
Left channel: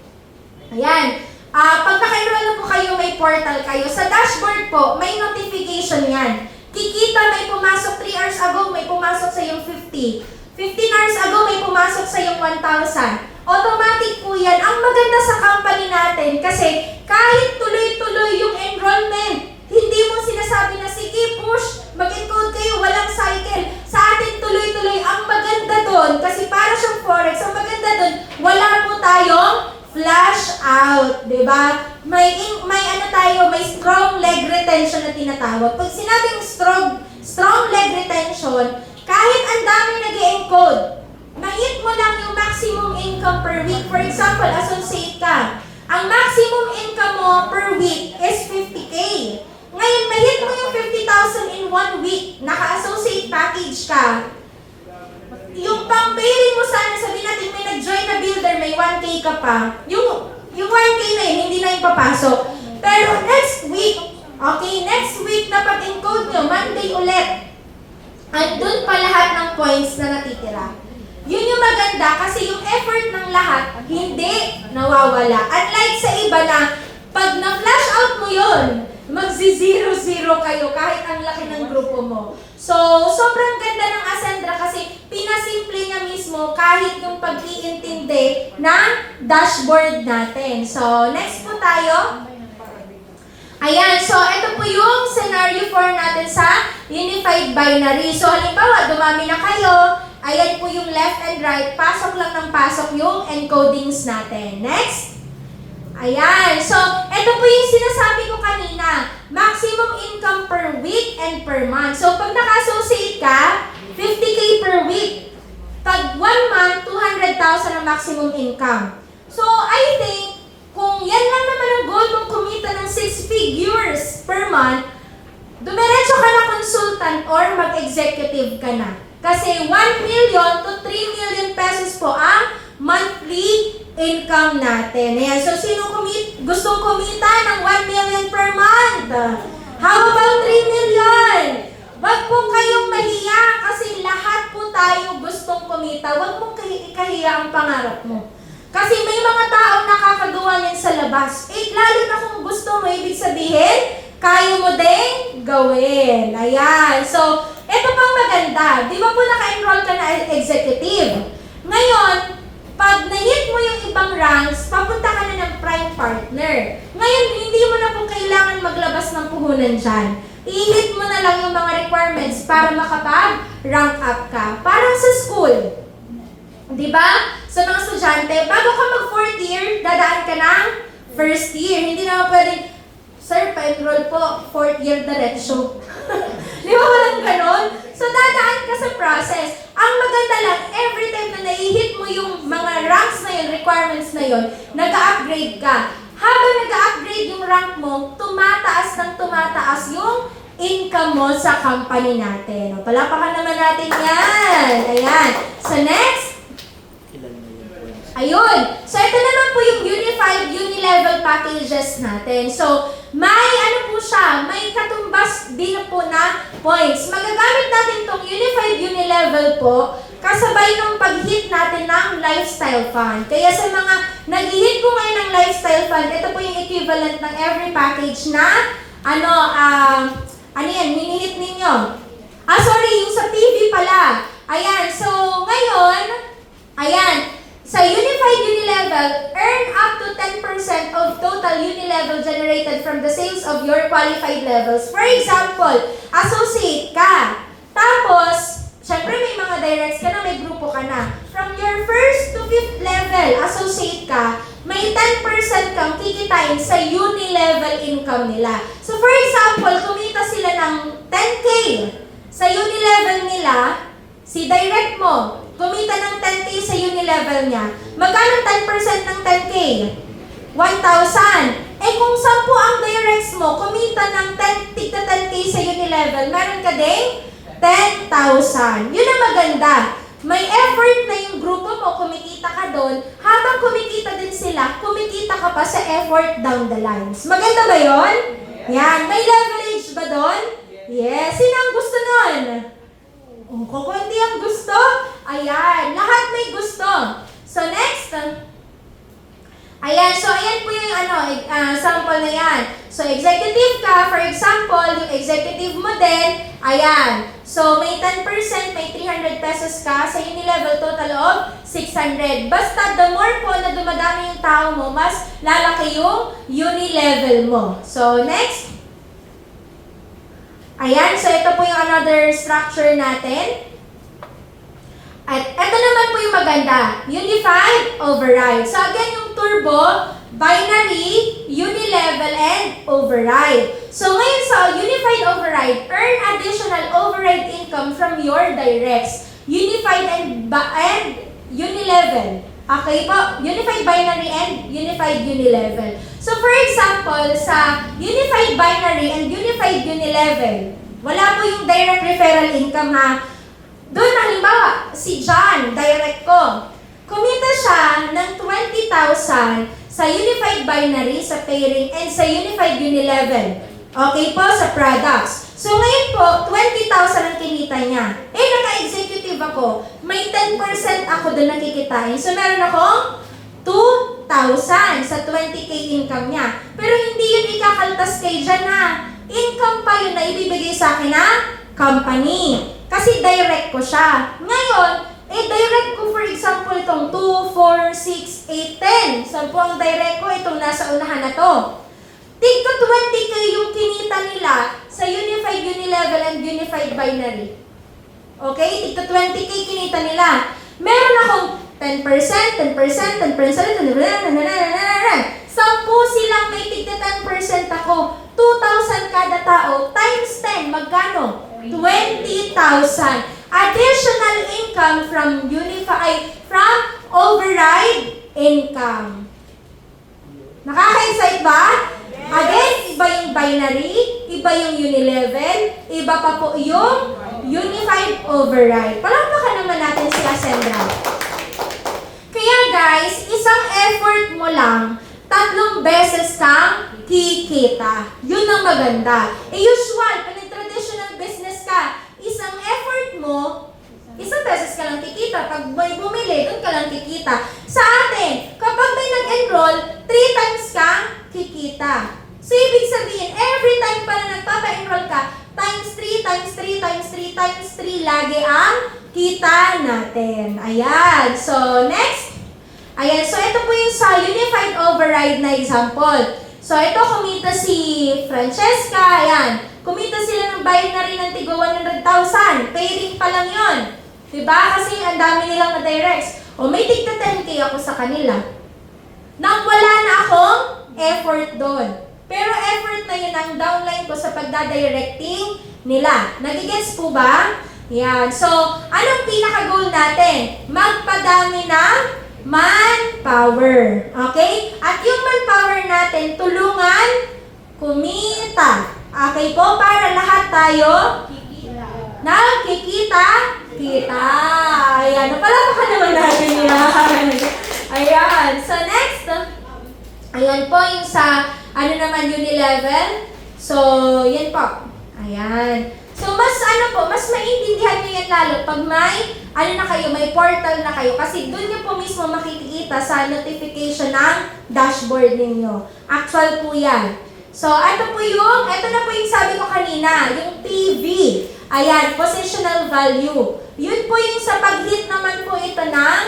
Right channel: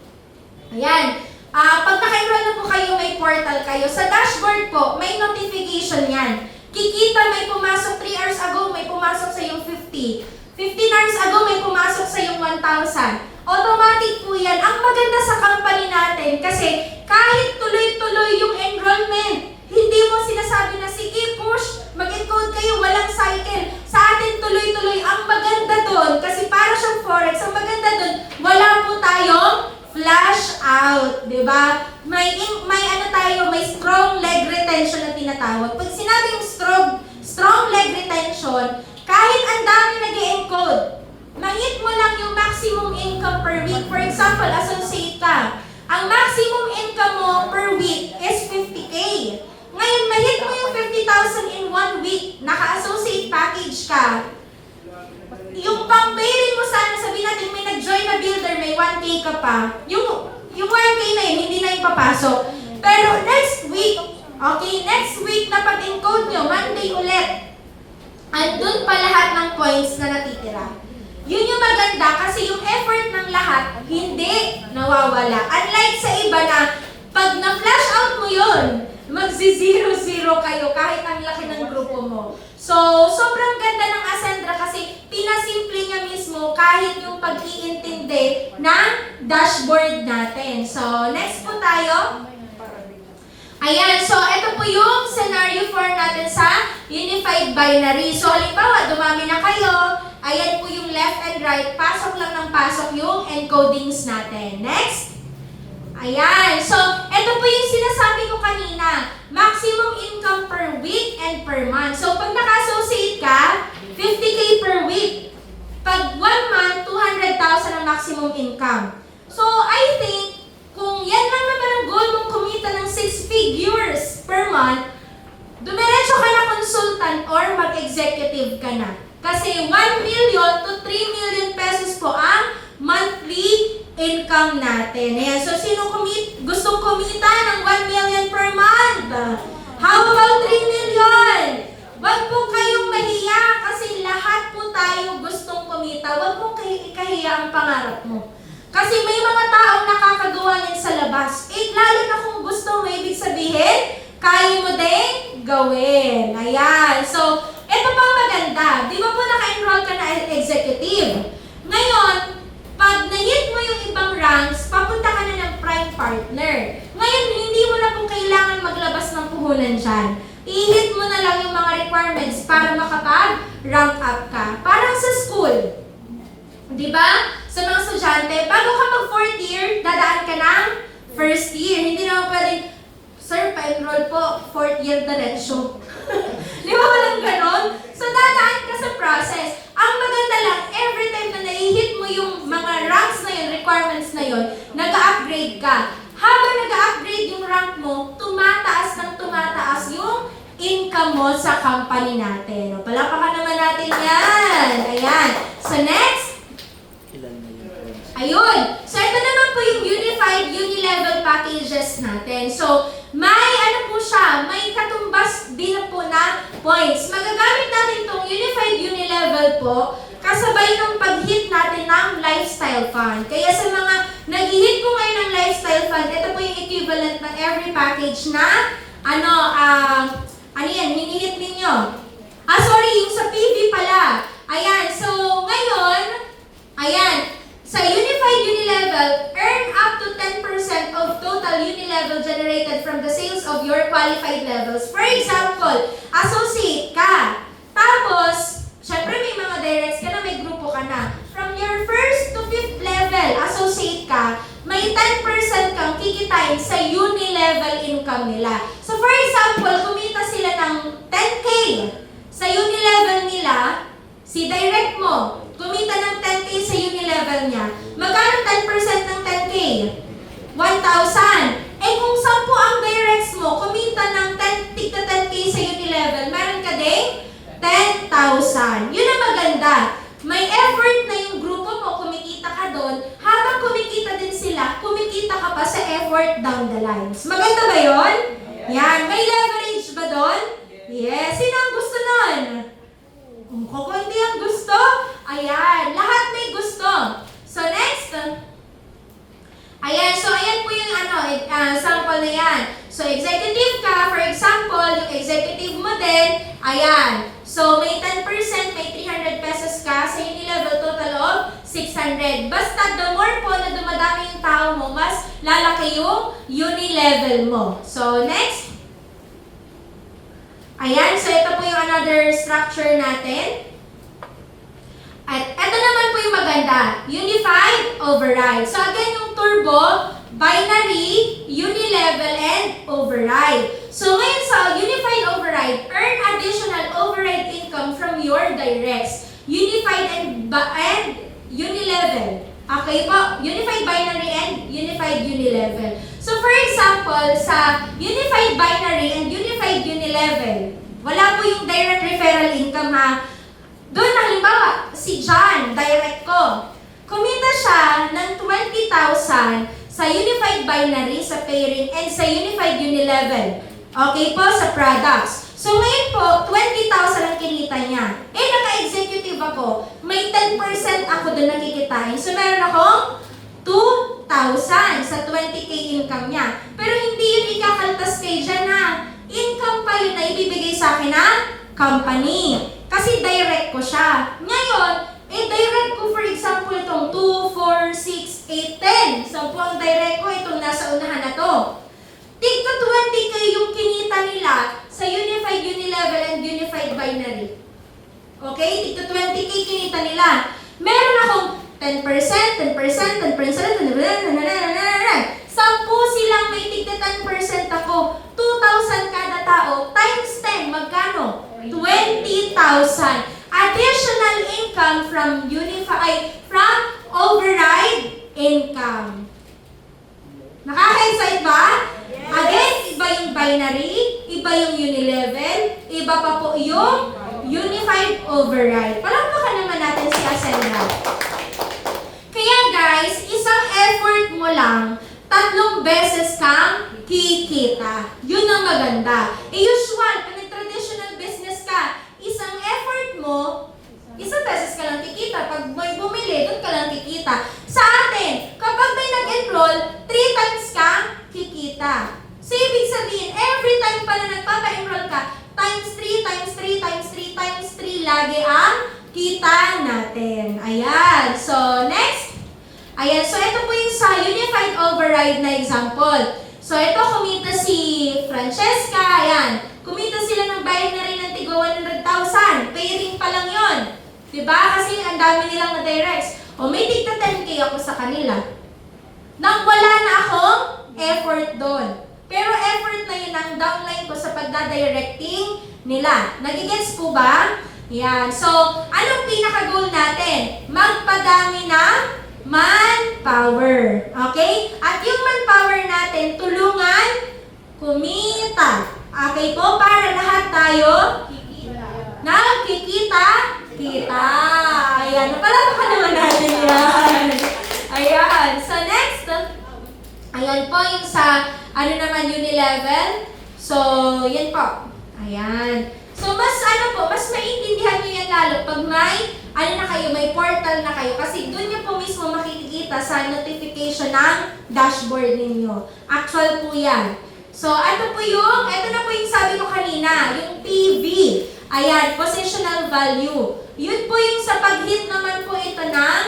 Ayan. Pag naka-enroll na po kayo, may portal kayo. Sa dashboard po, may notification yan. Kikita may pumasok 3 hours ago, may pumasok sa yung 50. 15 hours ago, may pumasok sa yung 1,000. Automatic po yan. Ang maganda sa company natin kasi kahit tuloy-tuloy yung enrollment, hindi mo sinasabi na, sige, push, mag-encode kayo, walang cycle. Sa atin, tuloy-tuloy. Ang maganda doon, kasi para siyang Forex, ang maganda doon, wala po tayong flash out, di ba? May strong leg retention na tinatawag. Pag sinabing strong leg retention, kahit ang dami nag-e-encode, ma-hit mo lang yung maximum income per week. For example, associate ka. Ang maximum income mo per week is 50K. Ngayon, ma-hit mo yung 50,000 in 1 week, naka-associate package ka. Yung pang-pairing mo sana, sabihin natin may nag-join na builder, may 1K ka pa. Yung 1K na yun, hindi na yung papasok. Pero next week na pag-encode nyo, Monday ulit, at doon pa lahat ng points na natitira. Yun yung maganda kasi yung effort ng lahat hindi nawawala. Unlike sa iba na pag na-flash out mo yun, magzi-0-0 kayo kahit ang laki ng grupo mo. So, sobrang ganda ng Ascendra kasi pinasimple niya mismo kahit yung pag-iintindi ng dashboard natin. So, next po tayo. Ayan, so ito po yung scenario form natin sa unified binary. So halimbawa, dumami na kayo, ayan po yung left and right, pasok lang ng pasok yung encodings natin. Next. Ayan, so ito po yung sinasabi ko kanina, maximum income per week and per month. So pag naka-associate ka, 50K per week. Pag 1 month, 200,000 ang maximum income. So I think, kung yan lang naman ang goal mong kumita ng 6 figures per month, dumiretso ka na consultant or mag-executive ka na. Kasi 1 million to 3 million pesos po ang monthly income natin. Ayan, so sino gustong kumita ng 1 million per month? How about 3 million? Wag po kayong mahiya kasi lahat po tayo gustong kumita. Wag mo ikahiya ang pangarap mo. Kasi may mga taong nakakagawa niyan sa labas. Lalo na kung gusto mo, ibig sabihin, kaya mo din gawin. Ayan. So, ito pa maganda. Di ba po naka-enroll ka na executive? Ngayon, pag na-hit mo yung ibang ranks, papunta ka na ng prime partner. Ngayon, hindi mo na po kailangan maglabas ng puhunan dyan. I-hit mo na lang yung mga requirements para makapag-rank up ka. Parang sa school. Di ba? Sa mga estudyante, bago ka mag-4th year, dadaan ka ng first year. Hindi naman pwedeng, sir, pa-enroll po, 4th year diretso. Di ba walang ganon? So, dadaan ka sa process. Ang maganda lang, every time na nai-hit mo yung mga ranks na yun, requirements na yun, nag-upgrade ka. Habang nag-upgrade yung rank mo, tumataas ng tumataas yung income mo sa company natin. Palapakan naman natin yan. Ayan. So, next. Ayun. So, ito naman po yung unified unilevel packages natin. So, may ano po siya, may katumbas din po na points. Magagamit natin itong unified unilevel po kasabay ng pag-hit natin ng lifestyle fund. Kaya sa mga nag-hit po ngayon ng lifestyle fund, ito po yung equivalent ng every package na ano yan, minihit ninyo. Sorry, yung sa PV pala. Ayan, so ngayon, ayan, sa unified unilevel, earn up to 10% of total unilevel generated from the sales of your qualified levels. For example, associate ka. Tapos, syempre may mga directs ka na, may grupo ka na. From your first to 5th level, associate ka, may 10% kang kikitain sa unilevel income nila. So for example, kumita sila ng 10K sa unilevel nila, si direct mo, kumita ng 10K sa unilevel niya. Magkano 10% ng 10K? 1,000. Eh kung 10 ang directs mo, kumita ng 10K sa unilevel, meron ka ding 10,000. Yun ang maganda. May effort na yung grupo mo, kumikita ka doon. Habang kumikita din sila, kumikita ka pa sa effort down the lines. Maganda ba yun? Yan. May leverage ba doon? Yes. Sino ang gusto nun? Kung hindi ang gusto, ayan. Lahat may gusto. So next, ayan. So ayan po yung sample na yan. So executive ka, for example, yung executive mo din, ayan. So may 10%, may 300 pesos ka sa unilevel, total of 600. Basta the more po na dumadami yung tao mo, mas lalaki yung unilevel mo. So next. Ayan, so ito po yung another structure natin. At ito naman po yung maganda, unified override. So again, yung turbo, binary, unilevel, and override. So ngayon sa unified override, earn additional override income from your directs. Unified and unilevel. Okay po, unified binary and unified unilevel. So for example, sa unified binary and unified unilevel, wala po yung direct referral income ha. Doon halimbawa, si John, direct ko, kumita siya ng 20,000 sa unified binary, sa pairing, and sa unified unilevel. Okay po, sa products. So ngayon po, 20,000 ang kinita niya. Eh, naka-executive ako. May 10% ako doon nakikitain. So meron akong 2,000 sa 20K income niya. Pero hindi yun ikakaltas kay Jan na. Income pa yun na ibibigay sa akin na company. Kasi direct ko siya. Ngayon, direct ko for example itong 2, 4, 6, 8, 10. So po ang direct ko itong nasa unahan na to. Tigka 20K yung kinita nila sa Unified Unilevel and Unified Binary. Okay? Tigka 20K kinita nila. Meron akong 10%, 10%, 10%, 10%, 10%, 10%, 10%. 10 silang may tigka 10% ako. 2,000 kada tao times 10. Magkano? 20,000. Additional income from override income. Nakaka-excite ba? Yes. Again, iba yung binary, iba yung unilevel, iba pa po yung unified override. Palakpakan naman natin si Ascendra. Kaya guys, isang effort mo lang, 3 beses kang kikita. Yun ang maganda. Usual, kung nag-traditional business ka, isang effort mo, isang beses ka lang kikita. Pag may bumili, doon ka lang kikita. Sa atin, kapag may nag-enroll, 3 times kang kikita. So, ibig sabihin, every time pa na nagpapa-enroll ka, times 3, times 3, times 3, times 3, lagi ang kita natin. Ayan. So, next. Ayan. So, ito po yung sa Unified Override na example. So, ito kumita si Francesca. Ayan. Kumita sila ng bayad na rin ng tigo 100,000. Paying pa lang yun. Diba? Kasi ang dami nilang na-directs. O may tigta 10K ako sa kanila. Nang wala na akong effort doon. Pero effort na yun ang downline ko sa pagdadirecting nila. Nagigets po ba? Yan. So, anong pinaka-goal natin? Magpadami ng manpower. Okay? At yung manpower natin, tulungan kumita. Okay po? Para lahat tayo nakikita. Ayan. Napalapa naman natin yan. Ayan. So, next. Ayan po yung sa unilevel. So, yan po. Ayan. So, mas mas maintindihan nyo yan lalo pag may portal na kayo. Kasi doon nyo po mismo makikita sa notification ng dashboard ninyo. Actual po yan. So, ito na po yung sabi ko kanina, yung PV. Ayan, positional value. Yun po yung sa pag-hit naman po ito ng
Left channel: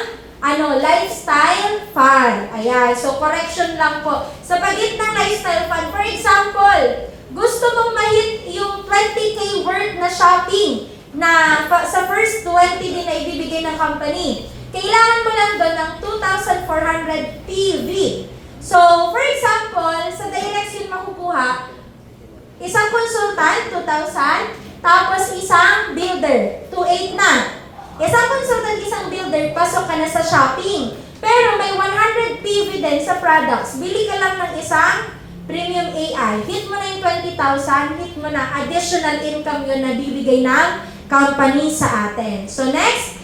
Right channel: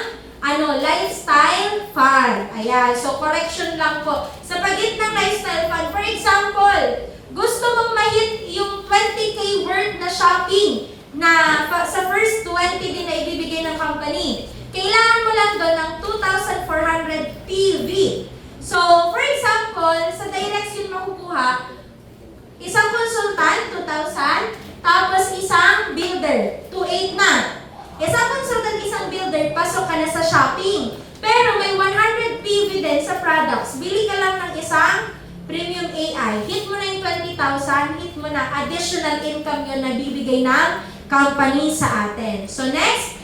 lifestyle fund. Ayan, so correction lang po. Sa pag-hit ng lifestyle fund, for example, gusto mong ma-hit yung 20K worth na shopping na sa first 20 din na ibibigay ng company. Kailangan mo lang doon ng 2,400 PV. So, for example, sa direct yun makukuha, isang consultant, 2,000, tapos isang builder, 2,800 na. Isang consultant, isang builder, pasok ka na sa shopping. Pero may 100 PV din sa products. Bili ka lang ng isang premium AI. Hit mo na yung 20,000, hit mo na additional income yun na bibigay ng company sa atin. So next,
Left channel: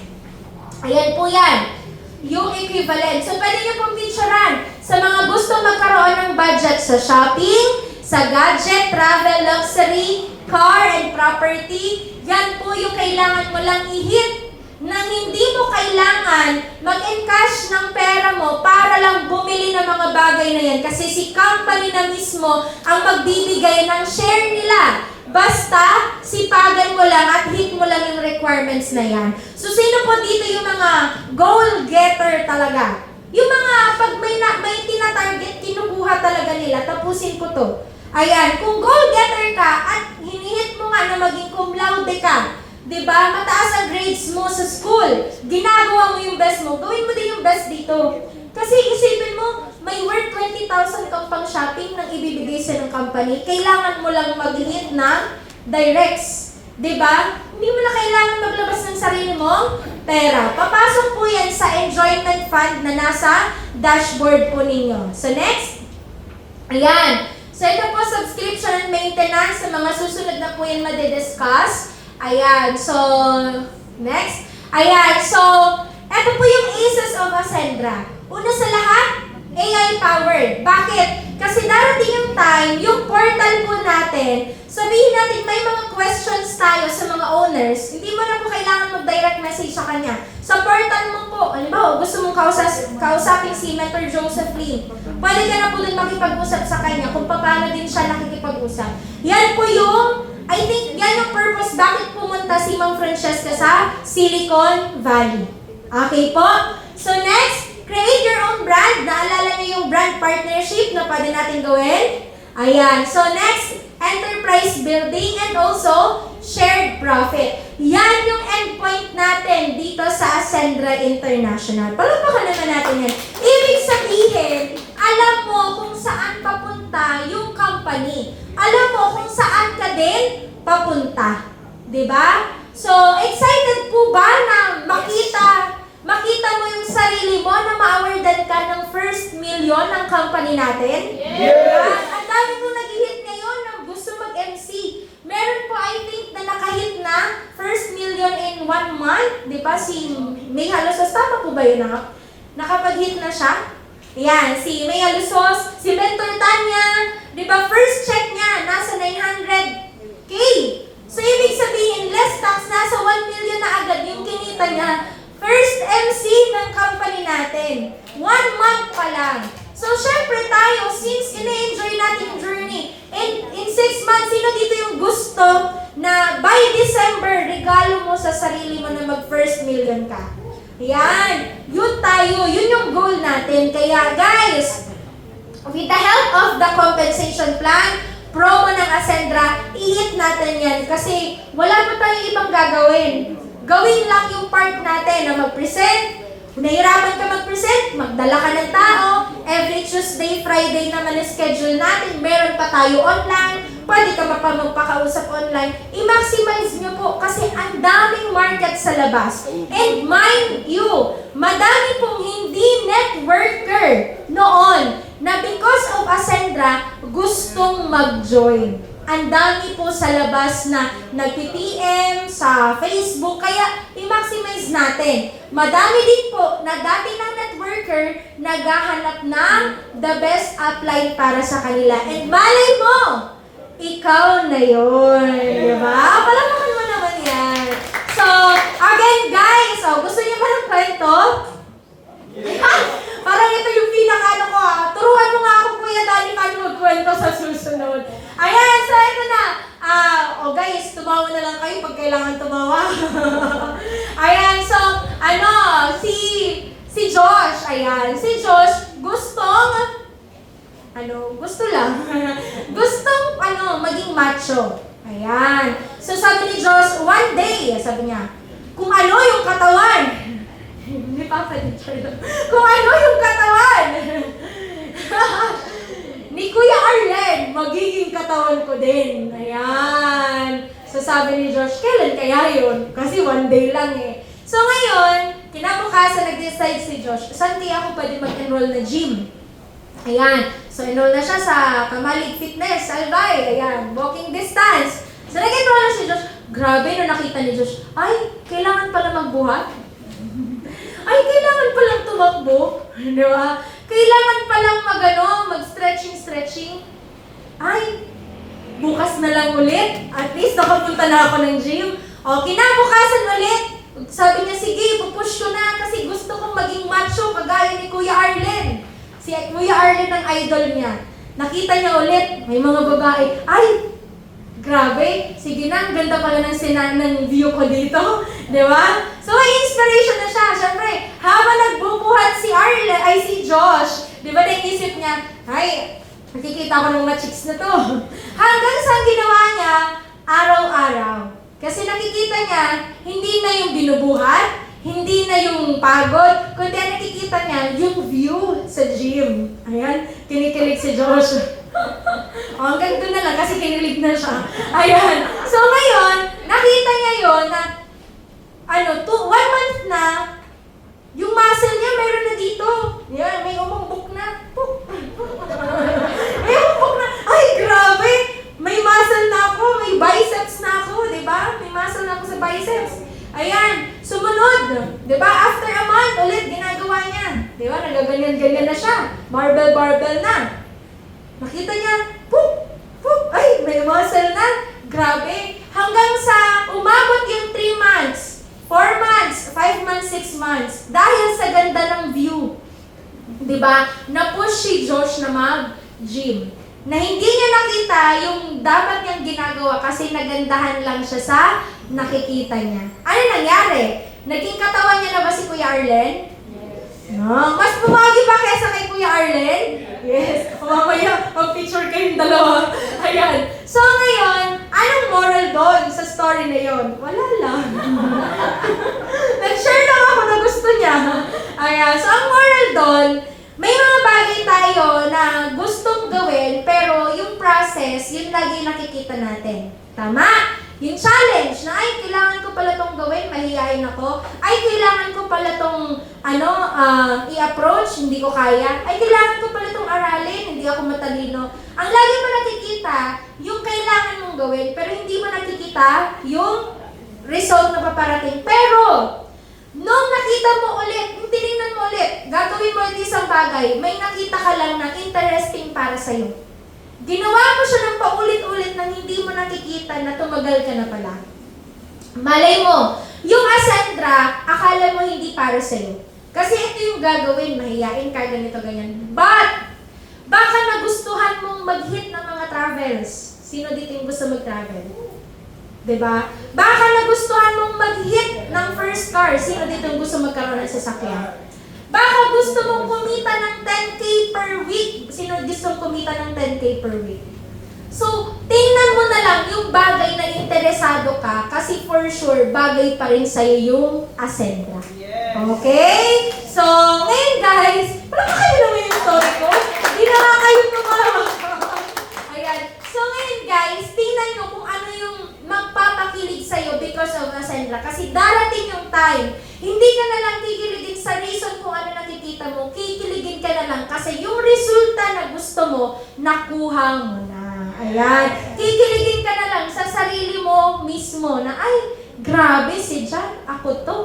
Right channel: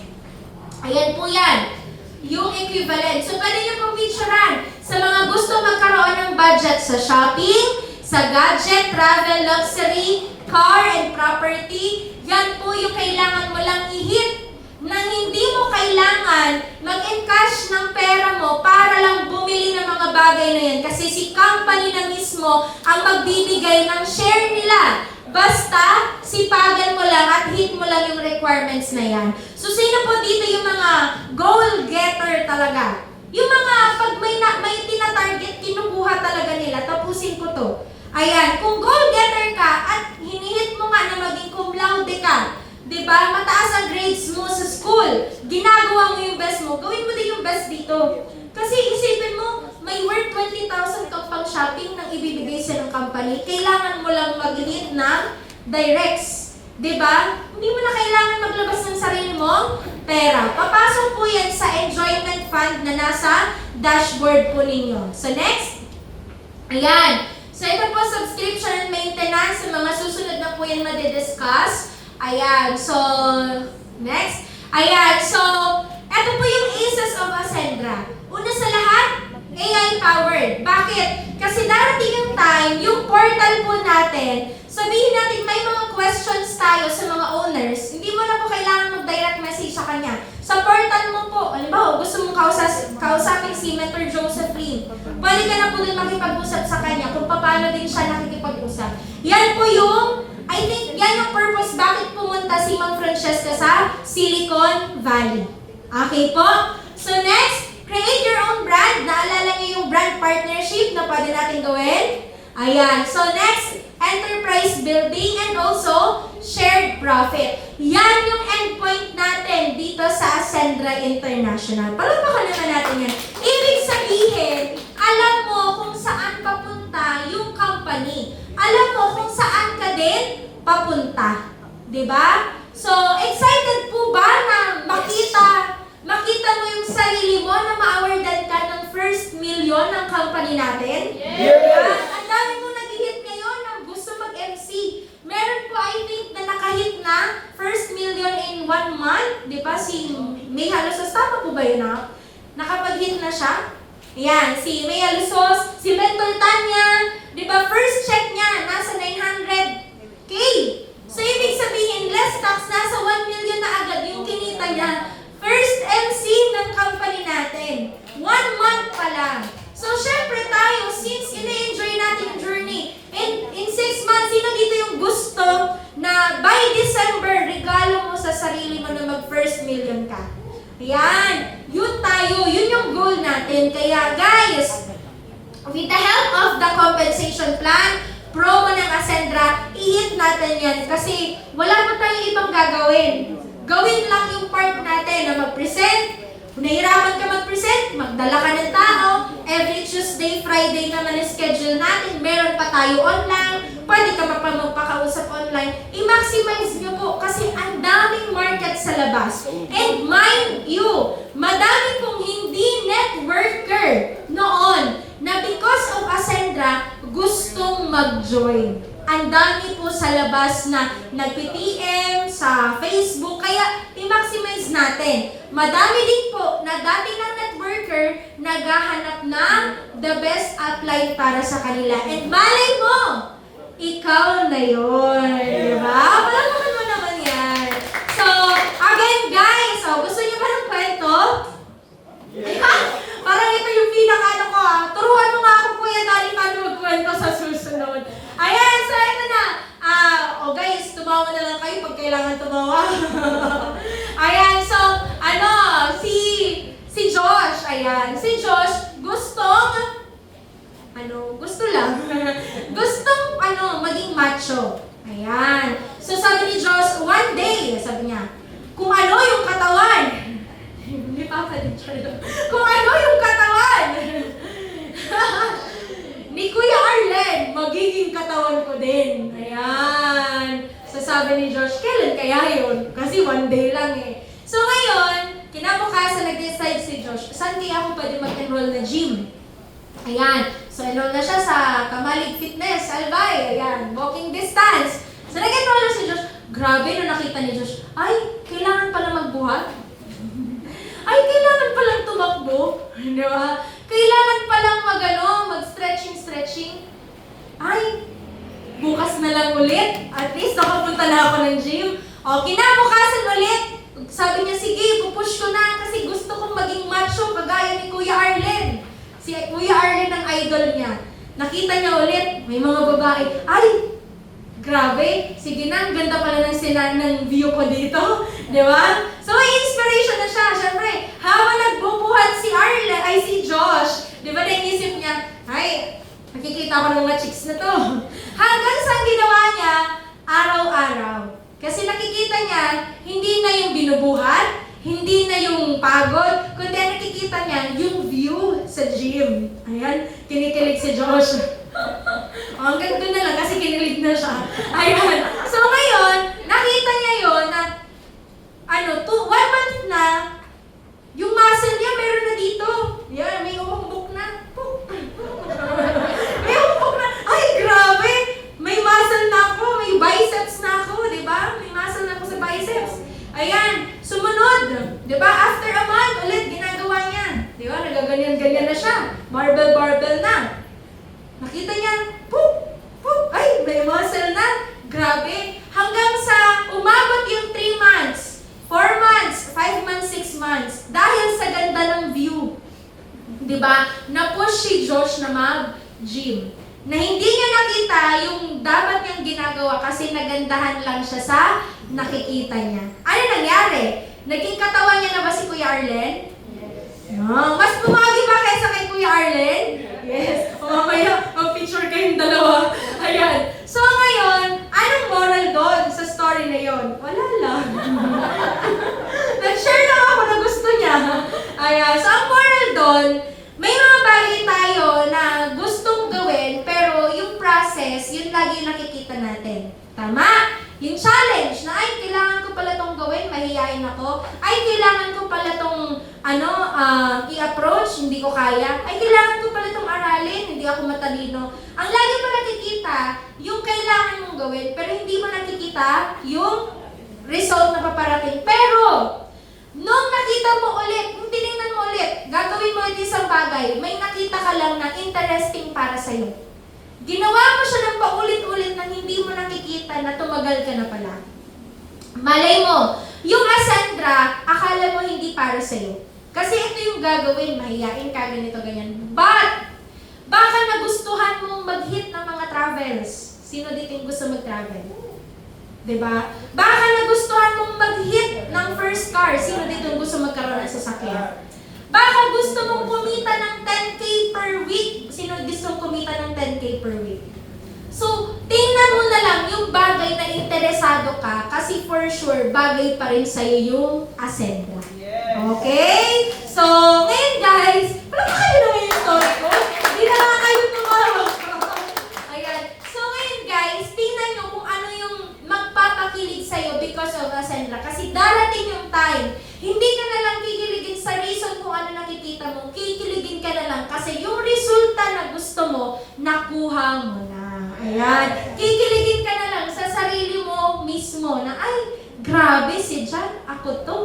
ayan po yan. Yung equivalent. So pwede nyo pong picturean sa mga gusto magkaroon ng budget sa shopping, sa gadget, travel, luxury, car, and property. Yan po yung kailangan mo lang i-hit na hindi mo kailangan mag-encash ng pera mo para lang bumili ng mga bagay na yan. Kasi si company na mismo ang magbibigay ng share nila. Basta, sipagan mo lang at hit mo lang yung requirements na yan. So, sino po dito yung mga goal getter talaga? Yung mga pag may tina-target, kinukuha talaga nila. Tapusin ko to. Ayan, kung goal getter ka at hinihit mo nga na maging cum laude ka, diba? Mataas ang grades mo sa school. Ginagawa mo yung best mo. Gawin mo din yung best dito. Kasi isipin mo, may worth 20,000 kang pang shopping nang ibibigay sa ng company. Kailangan mo lang mag-hit ng directs. Diba? Hindi mo na kailangan maglabas ng sarili mong pera. Papasok po yan sa enjoyment fund na nasa dashboard po ninyo. So next. Ayan. So ito po, subscription and maintenance. Sa mga susunod na po yan madidiscuss. Ayan, so, next. Ayan, so, eto po yung aces of Ascendra. Una sa lahat, AI-powered. Bakit? Kasi darating yung time, yung portal po natin, sabihin natin may mga questions tayo sa mga owners, hindi mo na po kailangan mag-direct message sa kanya. Sa portal mo po, alam gusto mong kausapin si Mentor Joseph Lim, pwede ka na po dun makipag-usap sa kanya kung paano din siya nakikipag-usap. Yan po yung I think yan yung purpose bakit pumunta si Ma'am Francesca sa Silicon Valley. Okay po? So next, create your own brand. Naalala niyo yung brand partnership na pwede natin gawin? Ayan. So next, enterprise building and also shared profit. Yan yung endpoint natin dito sa Ascendra International. Palagpakan naman natin yan. Ibig sabihin, alam mo kung saan papunta yung company. Alam mo kung saan ka din papunta. Diba? So, excited po ba na makita mo yung sarili mo na ma-awardan ka ng first million ng company natin? Yes! Ang dami kong nag-hit ngayon na gusto mag-MC. Meron po, I think, na nakahit na first million in 1 month. Di ba? Si May Halusos, tama po ba yun na? Nakapag-hit na siya? Ayan, si May Halusos, si Mentor Tanya, di ba? First check niya, nasa 900K. So, ibig sabihin, less tax, nasa 1 million na agad yung kinita niya. First MC ng company natin. 1 month pa lang. So, syempre tayo, since ina-enjoy natin yung journey, in 6 months, sino dito yung gusto na by December, regalo mo sa sarili mo na mag-first million ka? Ayan. Yun tayo. Yun yung goal natin. Kaya, guys, with the help of the compensation plan, promo ng Ascendra, i-hit natin yan kasi wala pa tayong ibang gagawin. Gawin lang yung part natin na mag-present. Kung nahirapan ka mag-present, magdala ka ng tao. Every Tuesday, Friday naman ang schedule natin. Meron pa tayo online. Pwede ka pa magpakausap online. I-maximize nyo po kasi ang daming market sa labas. And mind you, madami pong hindi networker noon na because of Ascendra, gustong mag-join. Ang dami po sa labas na nag-PM sa Facebook, kaya i-maximize natin. Madami din po na dati ng networker naghahanap ng the best upline para sa kanila. And malay mo, ikaw na yun. Diba? Palamahan mo naman yan. So, again guys, gusto niyo ba ng kwento? Parang ito yung pinaka-ano ko turuan mo nga ako kuya dahil paano magkwento sa susunod. Ayan, so ito na. Guys, tumawa na lang kayo pag kailangan tumawa. Ayan, so, si Josh, ayan. Si Josh, gustong maging macho. Ayan. So, sabi ni Josh, one day, sabi niya, kung ano yung katawan, hindi pa din siya. Kung ano yung katawan ni Kuya Arlen, magiging katawan ko din. Ayan. So sabi ni Josh, kailan kaya yun? Kasi one day lang eh. So ngayon, kinabukasan nag-decide si Josh, saan di ako pwede mag-enroll na gym? Ayan. So enroll na siya sa Kamalig Fitness, Albay. Ayan. Walking distance. So nag-enroll na si Josh. Grabe, nung nakita ni Josh, ay, kailangan pala magbuhat. Ay, kailangan palang tumakbo. Di ba? Kailangan palang mag-stretching. Ay, bukas na lang ulit. At least nakapunta na ako ng gym. Kinabukasan ulit. Sabi niya, sige, pupush ko na kasi gusto kong maging macho kagaya ni Kuya Arlen. Si Kuya Arlen ang idol niya. Nakita niya ulit, may mga babae. Ay, grabe. Sige na, ang ganda pala ng view ko dito. Di ba? So, may inspiration na siya. Siyempre, habang nagbubuhat si Josh, di ba naisip niya, ay, nakikita ko ng mga chicks na to. Hanggang sa ginawa niya, araw-araw. Kasi nakikita niya, hindi na yung binubuhat, hindi na yung pagod, kundi nakikita niya yung view sa gym. Ayan, kinikilig si Josh. Hanggang doon na lang kasi kinilig na siya. Ayan. So ngayon, nakita niya yun na 1 month na, yung muscle niya meron na dito. Yan, may umumbok na. May umumbok na. Ay, grabe! May muscle na ako, may biceps na ako, di ba? May muscle na ako sa biceps. Ayan, sumunod. Di ba? After a month, ulit ginagawa niya. Di ba? Nagaganyan-ganyan na siya. Barbell na. Nakita niya, ay, may muscle na. Grabe. Hanggang sa umabot yung 3 months, 4 months, 5 months, 6 months. Dahil sa ganda ng view. Diba? Na-push si Josh na mag-gym. Na hindi niya nakita yung dapat niyang ginagawa kasi nagandahan lang siya sa nakikita niya. Ano nangyari? Naging katawan niya na ba si Kuya Arlen? Yes. Mas pumagi pa kaysa kay Kuya Arlen? Yes. Mamaya, mag-picture kayo kayong dalawa. Ayan. So ngayon, anong moral doon sa story na yon? Wala lang. Nag-share lang ako na gusto niya. Ayan. So ang moral doon, may mga bagay tayo na gustong gawin, pero yung process, yun lagi yung nakikita natin. Tama? Yung challenge na, ay, kailangan ko pala tong gawin, mahihayin ako. Ay, kailangan ko pala tong, i-approach, hindi ko kaya. Ay, kailangan ko pala tong aralin, hindi ako matalino. Ang lagi mo nakikita, yung kailangan mong gawin, pero hindi mo nakikita yung result na paparating. Pero, nung nakita mo ulit, kung tinignan mo ulit, gagawin mo ulit isang bagay, may nakita ka lang na interesting para sa'yo. Ginawa mo siya ng paulit-ulit na hindi mo nakikita na tumagal ka na pala. Malay mo, yung Ascendra, akala mo hindi para sa'yo. Kasi ito yung gagawin, mahihain ka, ganito, ganyan. But, baka nagustuhan mong mag-hit ng mga travels. Sino dito yung gusto mag-travel? Diba? Baka nagustuhan mong mag-hit ng first car. Sino dito yung gusto magkaroon ng sasakyan? Baka gusto mong kumita ng 10K per week. Sino gusto kumita ng 10K per week? So, tingnan mo na lang yung bagay na interesado ka kasi for sure, bagay pa rin sa'yo yung Ascendra. Okay? So, ngayon guys, parang kayo naman yung story ko. Hindi na nga kayo tumawa. Ayan. So, ngayon guys, tingnan nyo kung ano yung magpapakilig sa'yo because of Ascendra. Kasi darating yung time, hindi ka na lang kikiligin sa reason kung ano nakikita mo, kikiligin ka na lang kasi yung resulta na gusto mo, nakuha mo na. Ayan. Kikiligin ka na lang sa sarili mo mismo na, ay, grabe si John, ako to.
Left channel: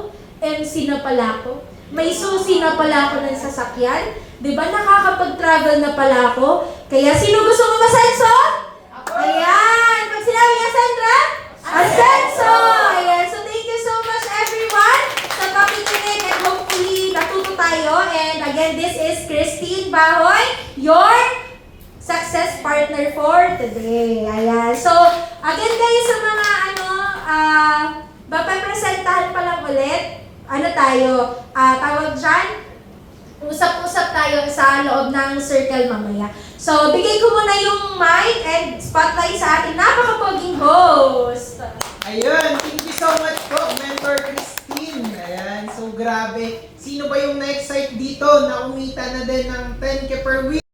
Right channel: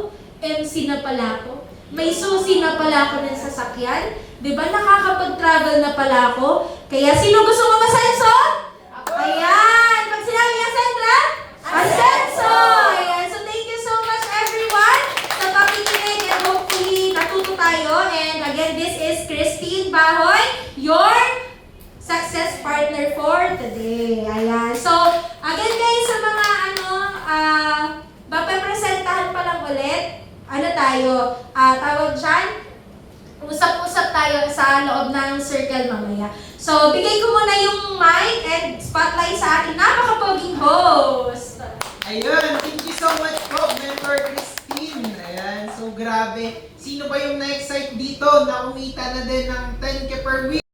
MC na pala ako. May susi na pala ako ng sasakyan. Diba, nakakapag-travel na pala ako. Kaya sino gusto mo masenso? Ayan. Pag sinabi niya, Sandra? Asenso! Ayan. So, thank you so much, everyone, sa pakikinig and hopefully natuto tayo. And again, this is Christine Bahoy, your success partner for today. Ayan. So, again guys, sa mga papapresentahan pa lang ulit, tayo, tawag dyan, usap-usap tayo sa loob ng circle mamaya. So, bigay ko muna yung mic and spotlight sa ating napakapoging host. Ayun, thank you so much po, Mentor Christine. Ayan, so grabe. Sino ba yung na-excite dito na kumita na din ng 10K per week?